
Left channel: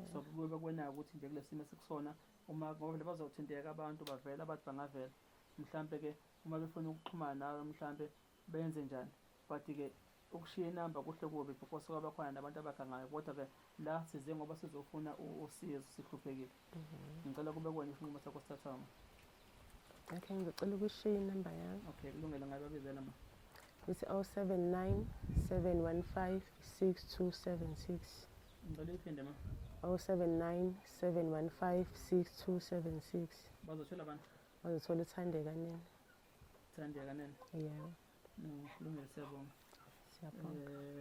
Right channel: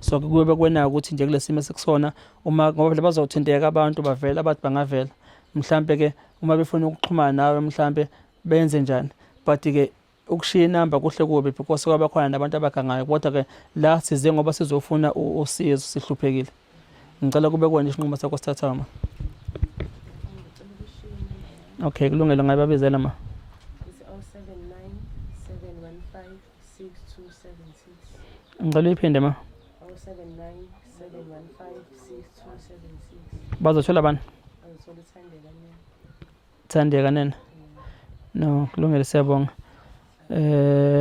So kube kwena ukuthi nje kulesimo sekusona uma ngoba phela bazothinteka abantu bavela abathi bangavela mhlambe ke uma befuna ukuxhumana nawe mhlambe benze njani. but-ke ukushiya inamba kuhle kubi because kwaba khona nabantu abagangayo, kodwa-ke la size ngoba sizofuna usizo sihluphekile. Ngicela kube kuwena isinqumo sakho sithathayo ma. Ngicela ukushiya inamba yami. Okay, kulungile, ngayibabizela ma. It's 079 715 6276. Ngicela uyiphinde ma. 079 715 6276. Bazothola bani? Bazithola Thandeka mina. Thandeka nene. Yeah. No, kulungile, siyabonga.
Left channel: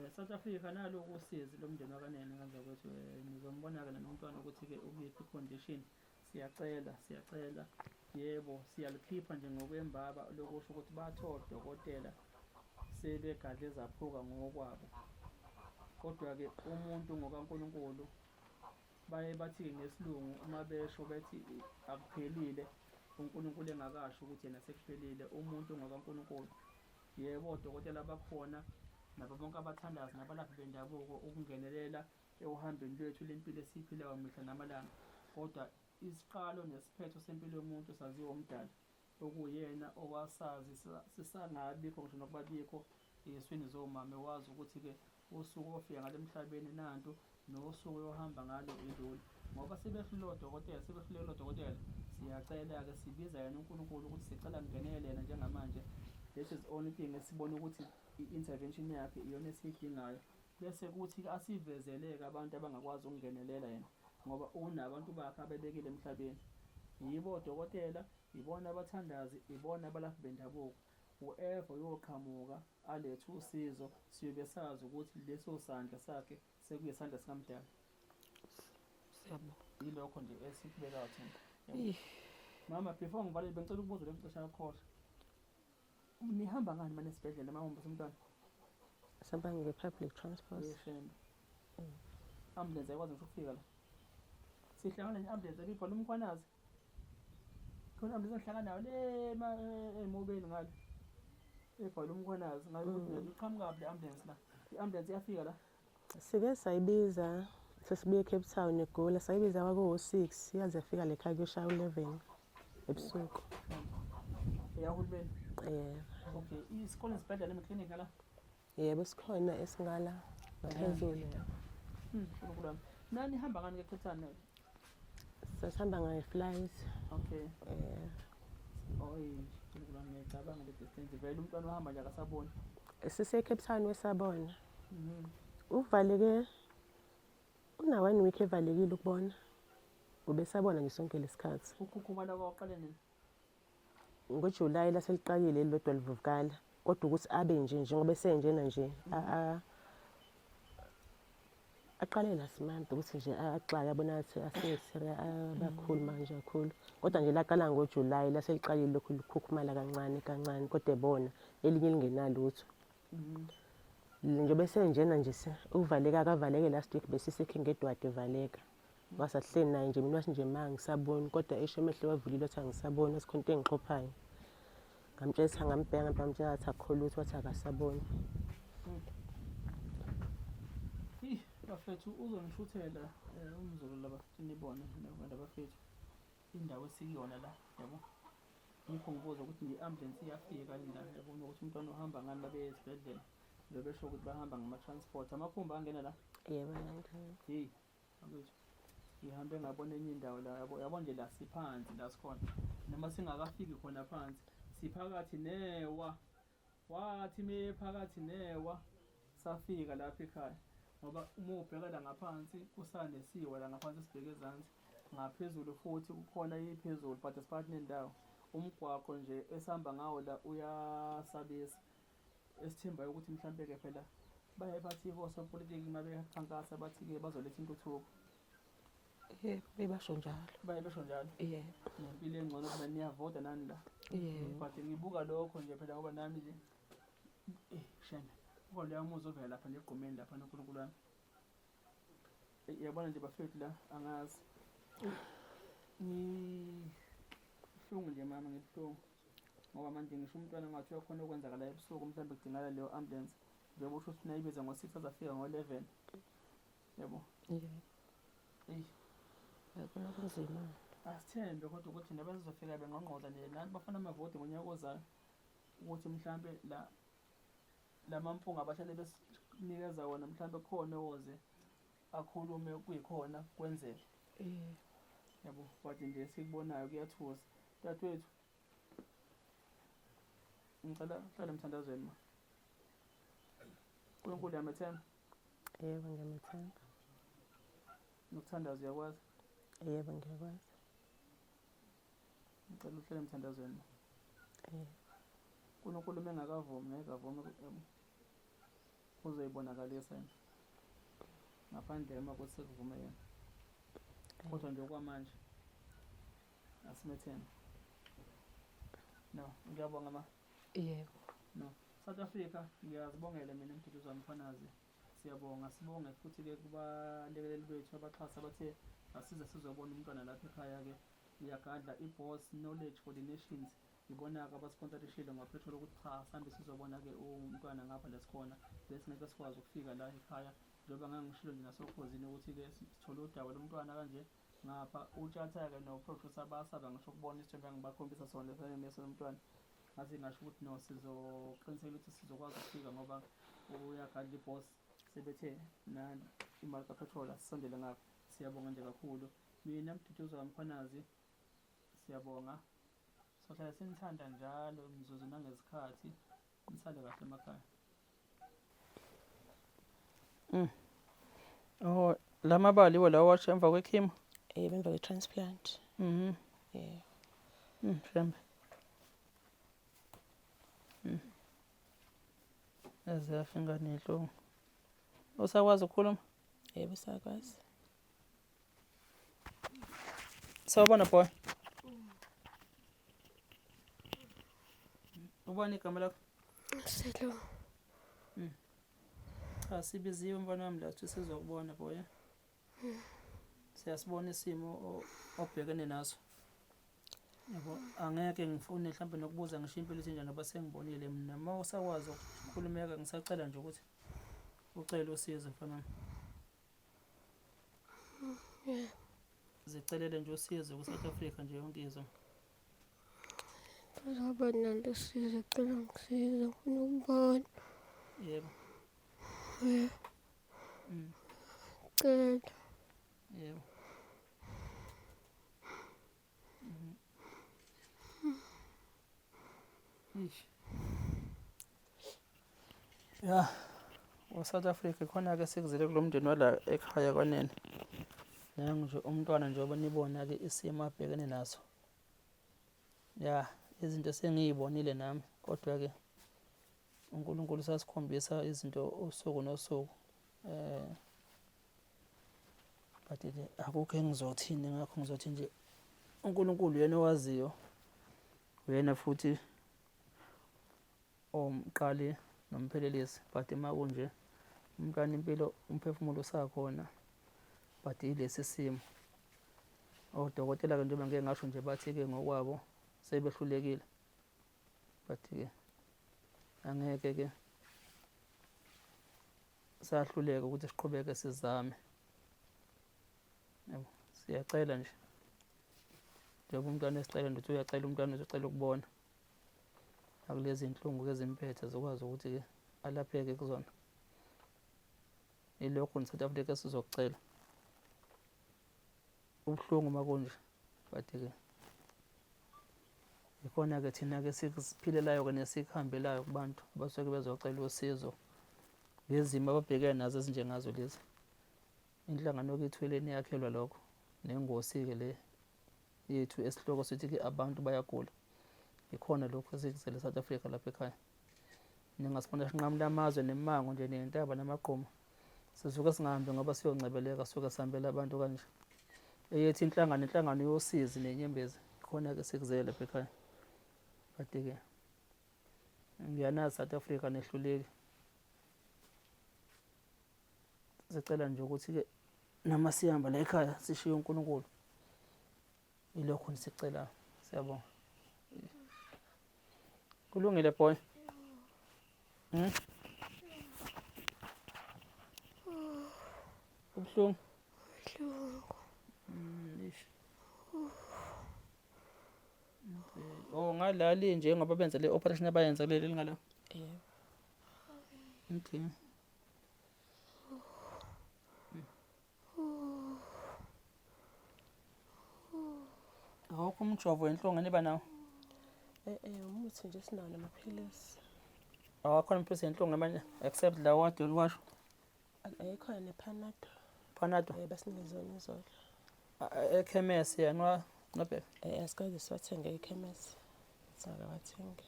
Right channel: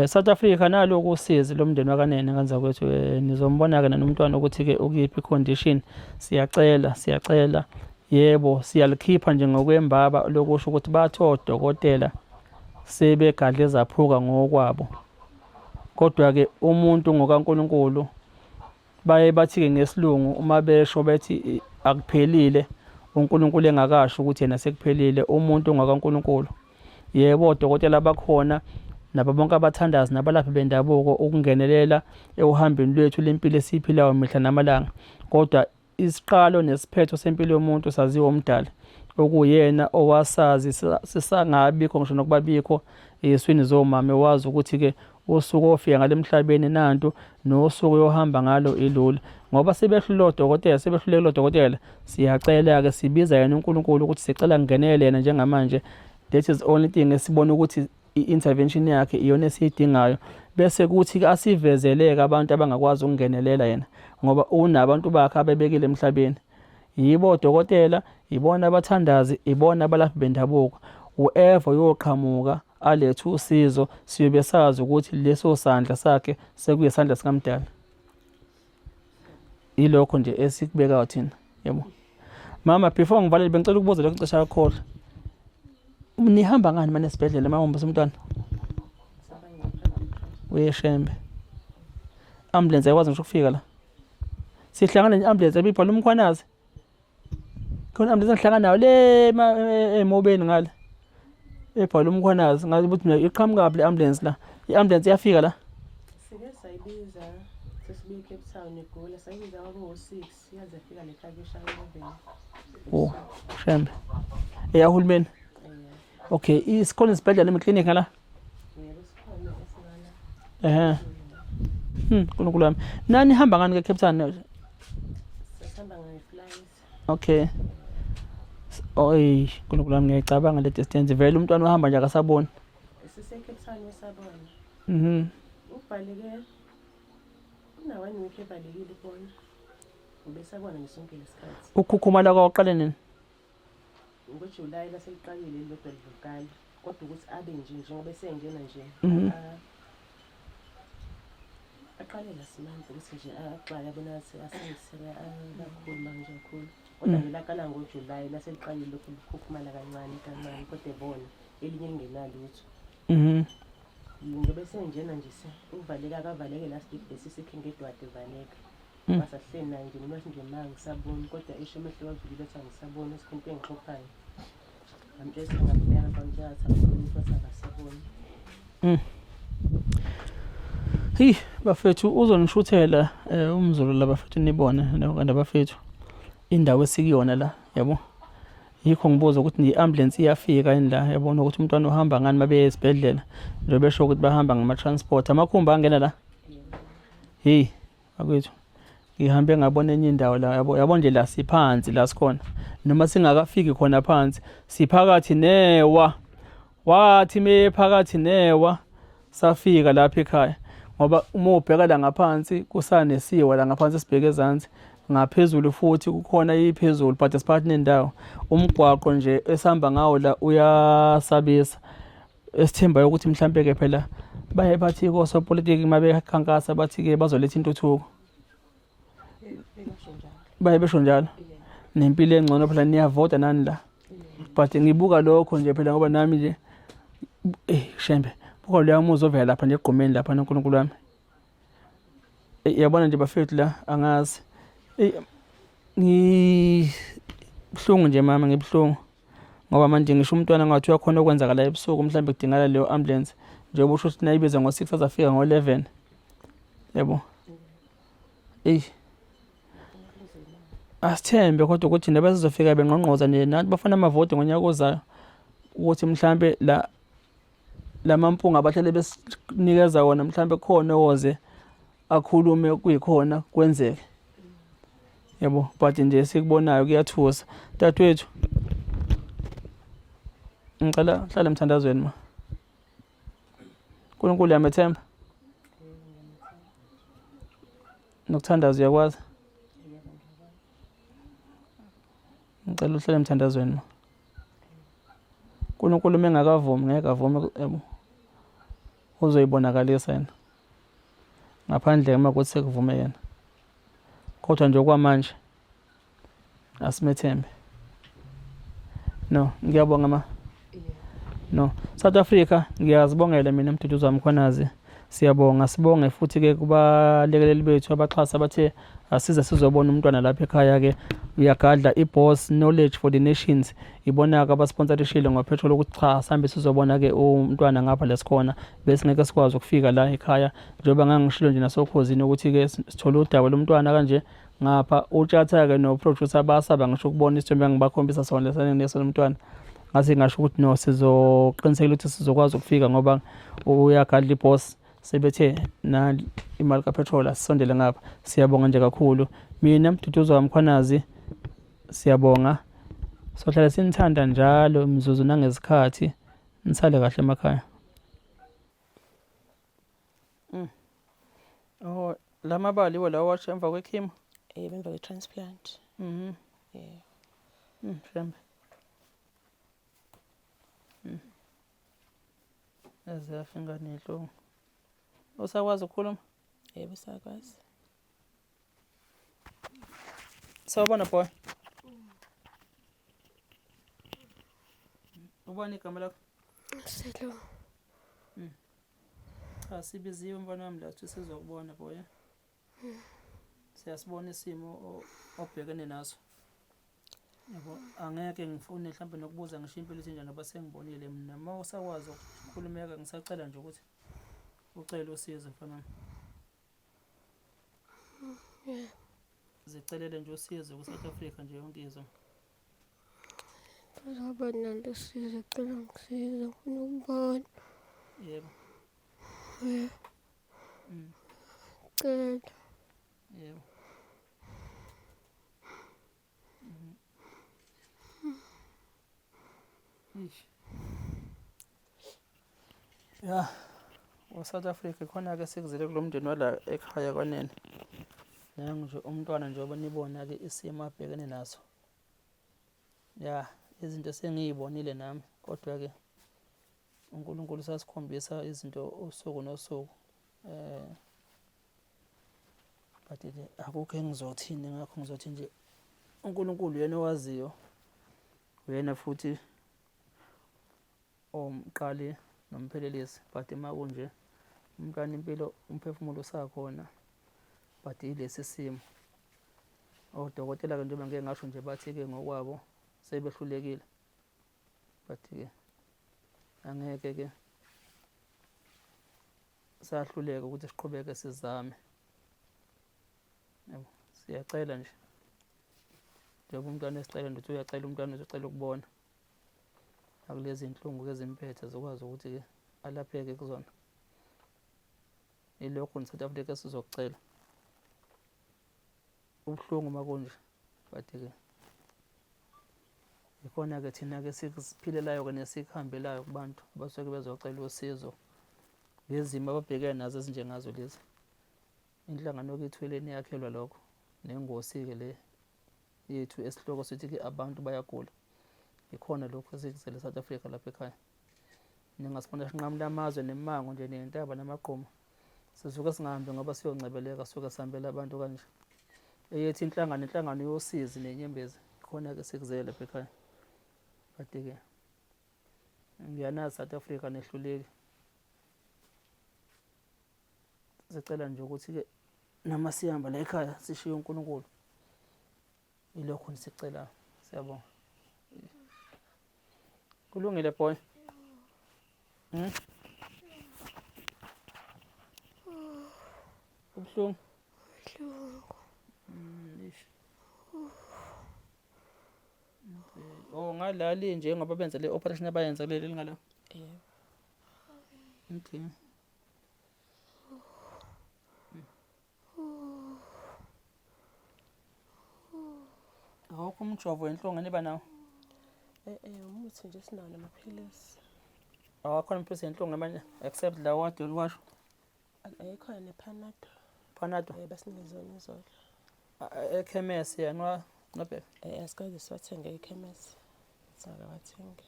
South Africa nalo ukusiza lo mndeni wakanene kanza kwethu, nizombona-ke nomntwana ukuthi-ke ukuyiphi condition. Siyacela yebo siyalikhipha nje ngokwembaba lokusho ukuthi bathe odokotela sebegadle zaphuka ngokwabo, kodwa-ke umuntu ngokaNkulunkulu baye bathi-ke ngesilungu uma besho bethi akuphelile uNkulunkulu engakasho ukuthi yena sekuphelile. Umuntu ngokaNkulunkulu yebo odokotela bakhona nabo bonke abathandazi nabalaphi bendabuko ukungenelela ehambeni lwethu lempilo esiphilayo mihla namalanga, kodwa isiqalo nesiphetho sempilo yomuntu saziwa umdali okuyena owasazi sisangabikho ngisho nokuba bikho eswini zomama, wazi ukuthi-ke usuku ofika ngale emhlabeni nantu nosuku yohamba ngalo ilula. Ngoba sebehlule odokotela, siyacela-ke sibiza yena uNkulunkulu ukuthi sicela kungenele yena njengamanje. That is only thing esibona ukuthi i-intervention yakhe iyona esiyidingayo, bese kuthi-ke asivezeleke abantu abangakwazi ukungenelela yena ngoba unabantu bakhe abebekile emhlabeni. Yibo odokotela, ibona abathandazi, ibona abalaphi bendabuko. Whoever yoqhamuka alethe usizo siyobe sazi ukuthi leso sandla sakhe sekuyisandla sikaMdali. Ilokho nje esikubekayo thina, yebo. Mama, before ngivalele bengicela ukubuza lokho ixesha lakho. Nihamba ngani manje esibhedlela mawuhamba umntwana? Sihamba nge-public transport. Uyeshembe. Ambulance ayikwazi ngisho ukufika la. Sihlangana ne-ambulance ebibhala umkhwanazi. Khona ambulance engihlangana nayo le emobeni ngale. Ebhala umkhwanazi ngathi ukuthi mina iqhamuka le ambulance la. I-ambulance iyafika la. Sike sayibiza sesibuye eCape Town eGoli, sayibiza kwaku-6 yaze yafika le-truck eshaya 11. Oh, shembe. Eyahulumeni. Okay, isikhona isibhedlela emeklinika ngala? Yebo sikhona esingala. Nkulunkulu wami. Nani hamba ngani ke-Cape Town? Sihamba ngayi-flight. Okay. Oy, nkulunkulu wami ngiyayicabanga le distance. Vele umntwana uhamba nje akasaboni. Sise-Cape Town wesabona. Uvaleke una-1 week evalekile ukubona. Ubesabona nje sonke lesikhathi. Ukhukhumala kwaqale nini? NgoJulayi laseliqalile lodwa livukala, kodwa ukuthi abe nje njengoba esenjena nje aqalela simanje ukuthi nje axaya yabona ukuthi asesele kakhulu manje kakhulu, kodwa nje laqala ngoJulayi laseliqalile lokhu likhukhumala kancane kodwa bona elinye lingenalutho. Njengoba esenjena nje uvaleka akavaleke last week bese sekhengedwa evaleka. Basahleni naye nje mina nje manje ngisabona, kodwa esho emehlo wavulile athi angisaboni isikhunto engixhophayo. Ngamtshela ngambheka ngamtshela athi akho lutho athi akasaboni. Hi bafethu uzonishuthela umzulu la bafethu nibone nabantu bafethu indawo esikuyona la, yabo. Yikho ngibuza ukuthi ni-ambulance iyafika yini la, yabona ukuthi umntwana uhamba ngani mabe esibhedlela nje besho ukuthi bahamba ngama-transport. Amakhumba angena la? Yebo. Hey akwethu ngihambe ngabona enye indawo la, yabo nje la siphansi la sikhona, noma singakafiki khona phansi siphakathi newa. Wathi mephakathi newa safika lapha ekhaya, ngoba uma ubheka la ngaphansi kusanesiwa la ngaphansi sibheke ezansi, ngaphezulu futhi kukhona iphezulu but esiphakathi nendawo. Umgwaqo nje esihamba ngawo la uyasabisa, esithembayo ukuthi mhlambe-ke phela baye bathi kosopolitiki uma bekhankasa bathi-ke bazoletha intuthuko. Baye besho njalo nempilo engcono phela niyavota nani la, but ngibuka lokho nje phela ngoba nami nje shembe buka leya muzi ovela lapha nje egqumeni lapha noNkulunkulu wami. Yabona nje bafethu la angazi ngibhlungu nje mama, ngibhlungu ngoba manje ngisho umntwana ngathi uyakhona okwenzakala ebusuku mhlambe kudingala leyo ambulance njengoba usho ukuthi nayibiza ngo-6 azafika ngo-11, yabo. Asithembe kodwa ukuthi nebasizofika bengqongqoza nathi bafuna amavoti ngonyaka ozayo ukuthi mhlambe la lamampunga abahlele besinikeza wona mhlambe khona oze akhulume kuyikhona kwenzeke. Yabo, but nje sikubonayo kuyathusa. Dadewethu, ngicela hlale emthandazweni ma. uNkulunkulu uyamethemba? Nokuthandaza uyakwazi? Yebo, ngiyakwazi. Ngicela uhlale emthandazweni ma. uNkulunkulu mengakavumi ngeke avume yabo. Uzoyibonakalisa yena. Ngaphandle uma kuthi sekuvume yena. Kodwa nje okwamanje asimethembe. No, ngiyabonga ma. No, South Africa ngiyazibongela mina Mduduzo Mkhwanazi. Siyabonga, sibonge futhi ke kubalekeleli bethu abaxhasa bathe asize sizobona umntwana lapha ekhaya ke uyagadla iBoss Knowledge for the Nations. Ibona ke abasponsorishile ngopetrol ukuthi cha sihambe sizobona ke umntwana ngapha lesikhona bese ngeke sikwazi ukufika la ekhaya njengoba ngangishilo nje nasokhozini ukuthi ke sithola udaba lomntwana kanje ngapha utshatha ke no producer basaba ngisho ukubona isithombe ngibakhombisa sona lesane nesomntwana. Ngase ngasho ukuthi no sizoqinisekela ukuthi sizokwazi ukufika ngoba uyagadla iBoss sebethe na imali kapetrol asisondele ngapha. Siyabonga nje kakhulu. Mina Mduduzo Mkhwanazi siyabonga. Sohlala sinithanda njalo imizuzu nangezikhathi. Nisale kahle emakhaya. Oh, lamabali wala washa emva kwekhimo. Yebo, emva kwe-transplant. Yeah. Shembe. Ezafinga nenhlungu. Usakwazi ukukhuluma? Yebo, sakwazi. Sawubona boy. Ubani igama lakho? Silo. Cha sibiziwe mfana wami la sithi sizokubona boy. Siyasibona isimo obhekene naso. Yabo, angeke ngifune mhlawumbe nokubuza ngisho impilo isinjani ngoba sengibonile mina. Uma usakwazi ukukhulumeka ngisacela nje ukuthi ucela usizo mfana wami. Zicelele nje usizo ku-South Africa nje yonke izwe. Ngizaba nalo sizo cela ngisiza ngifuna ukubona. Yebo. Cela. Yebo. Ya, South Africa khona ke sikuzile kulomndeni wala ekhaya kwanene. Nangu nje umntwana njengoba nibona ke isimo abhekene naso. Ya, izinto sengiyibonile nami kodwa ke uNkulunkulu sasikhombisa izinto usuku nosuku. But ke akukho engizothini ngakho ngizothi nje uNkulunkulu yena owaziyo. Uyena futhi omqali nomphelelisi but makunje umntwana impilo umphefumulo usakhona but ilesi simo odokotela ke njengoba ngeke ngasho nje bathi ke ngokwabo sebehlulekile but ke angeke ke sahluleka ukuthi siqhubeke sizame. Yebo, siyacela nje njengoba umntwana esicela nje uyacela umntwana uzocela ukubona akulezi inhlungu ezimphethe zokwazi ukuthi ke alapheke kuzona. Ilokho ni South Africa sizokucela ubuhlungu makunje but ke ikhona ke thina ke siphilelayo ke nesihambelayo kubantu abasuke bezocela usizo ngezimo ababhekene nazo ezinjengazo lezi. Inhlangano yokethweleni yakhelwa lokho nengosi ke le yethu esihloko sithi ke abantu bayagula. Ikhona lokho esikuzele South Africa lapha ekhaya. Ningasibona sinqamula amazwe nemango nje nentaba namaqhuma. Sizuke singahambi ngoba siyoncebeleka suka sihambela abantu kanje. Eyethi inhlangano yosizi nenyembezi khona ke sikuzele lapha ekhaya. But ke ngiyanazi South Africa nehluleki. Sicela nje ukuthi ke nama sihamba la ekhaya sishiye uNkulunkulu. Ilokho nisicela. Siyabonga. Kulungile boy. Ubuhlungu. Oh ngalali nje ngoba benza le operation abayenza leli ngala. Yebo. Okay. Awukho umjovo wenhlungu niba nawo? Umuthi nje sinawo namaphilisi. Awakhona amaphilisi yenhlungu amanye except la wade uliwasho? Ayikhona nePanado. Panado? Basinikeze yona izolo. Ekhemesi yena nobheka? Asikaze siwathenge ekhemesi. Singakawathengi.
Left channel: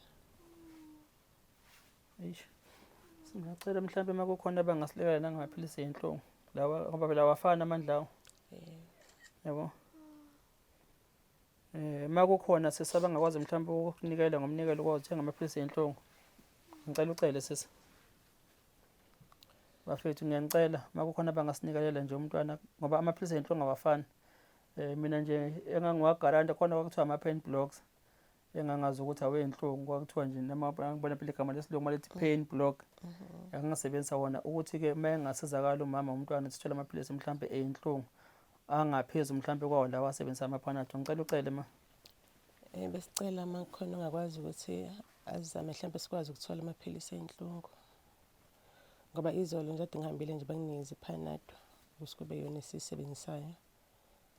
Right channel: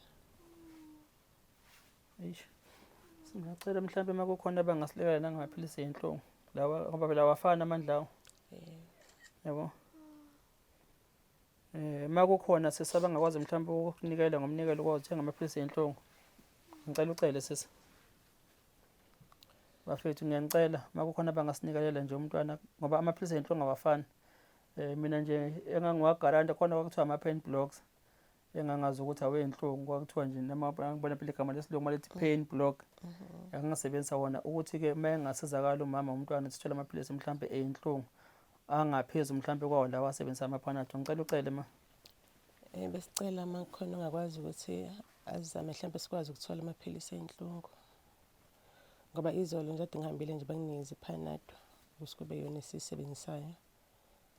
Eish. Singacela mhlawumbe uma kukhona abangasilekelela nangamaphilisi yenhlungu. Lawa ngoba phela awafani amandla awo. Yabo. Uma kukhona sesabangakwazi mhlawumbe ukukunikela ngomnikelo ukuthenga amaphilisi yenhlungu. Ngicela ucele sisi. Bafethu ngiyanicela uma kukhona abangasinikelela nje umntwana ngoba amaphilisi yenhlungu awafani. Mina nje engangiwagaranta khona kwakuthiwa ama-pain blocks. Engangazi ukuthi awenhlungu kwakuthiwa nje noma ngibona phela igama lesilungu malithi pain block. Angisebenzisa wona ukuthi ke uma engasizakala umama umntwana sithola amaphilisi mhlawumbe eyinhlungu angaphezulu mhlawumbe kwawo lawa asebenzisa amaPanado. Ngicela ucele ma. Besicela uma kukhona ongakwazi ukuthi azame mhlawumbe sikwazi ukuthola amaphilisi ey'nhlungu. Ngoba izolo nje ade ngihambile nje banginikeza iPanado ukuthi kube yona esiyisebenzisayo.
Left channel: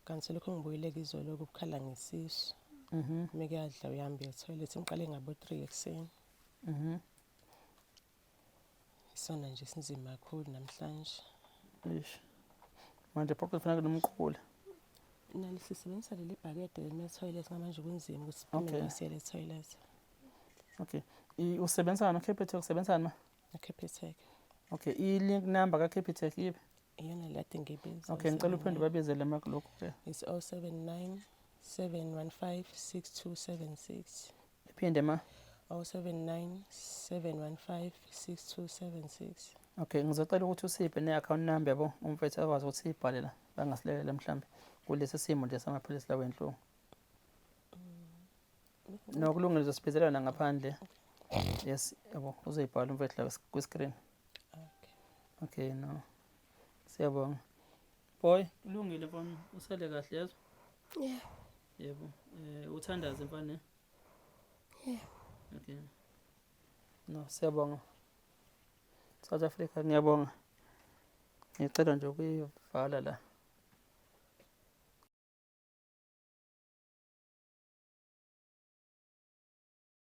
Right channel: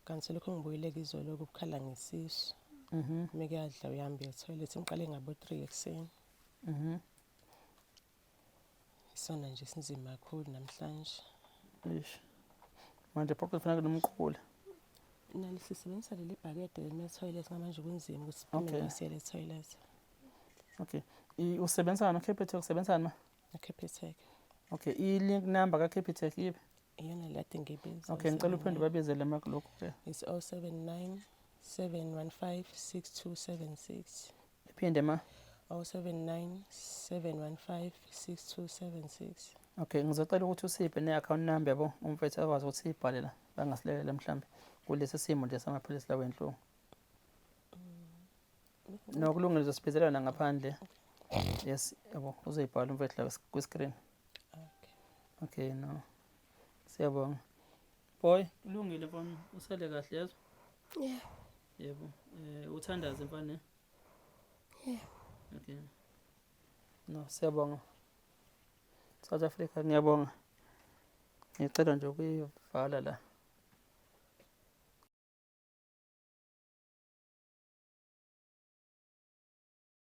Kanti lokho ngibuyileke izolo ukukhala ngesisu. Uma kuyadla uyahamba e-toilet ngiqale ngabo 3 ekuseni. Isona nje sinzima kakhulu namhlanje. Eish. Manje phoqa kufanele nomqhule. Nalo sisebenzisa leli bhakede lema-toilet ngamanje kunzima ukuthi siphinde ngisiyele e-toilet. Okay. Usebenzisana noCapitec usebenzisana ma? eCapitec. Okay. I-link number kaCapitec yipi? Iyona le ade ngiyibiza. Okay, ngicela uphinde babizele makulokho ke. It's 079 715 6276. Iphinde ma. 079 715 6276. Okay, ngizocela ukuthi usiphe ne-account number yabo umfethu akwazi ukuthi siyibhale la bangasilekelela mhlawumbe kulesi simo nje samaphilisi lawo enhlungu. Nokulungile uzosibhizelana ngaphandle. Yes, yabo uzoyibhala umfethu la ku-screen. Okay, no. Siyabonga. Boy, kulungile mfana, usale kahle yazo? Yeah. Yebo. Uthandaze mfana? Yeah. Okay. No, siyabonga. South Africa ngiyabonga. Ngicela nje ukuyivala la.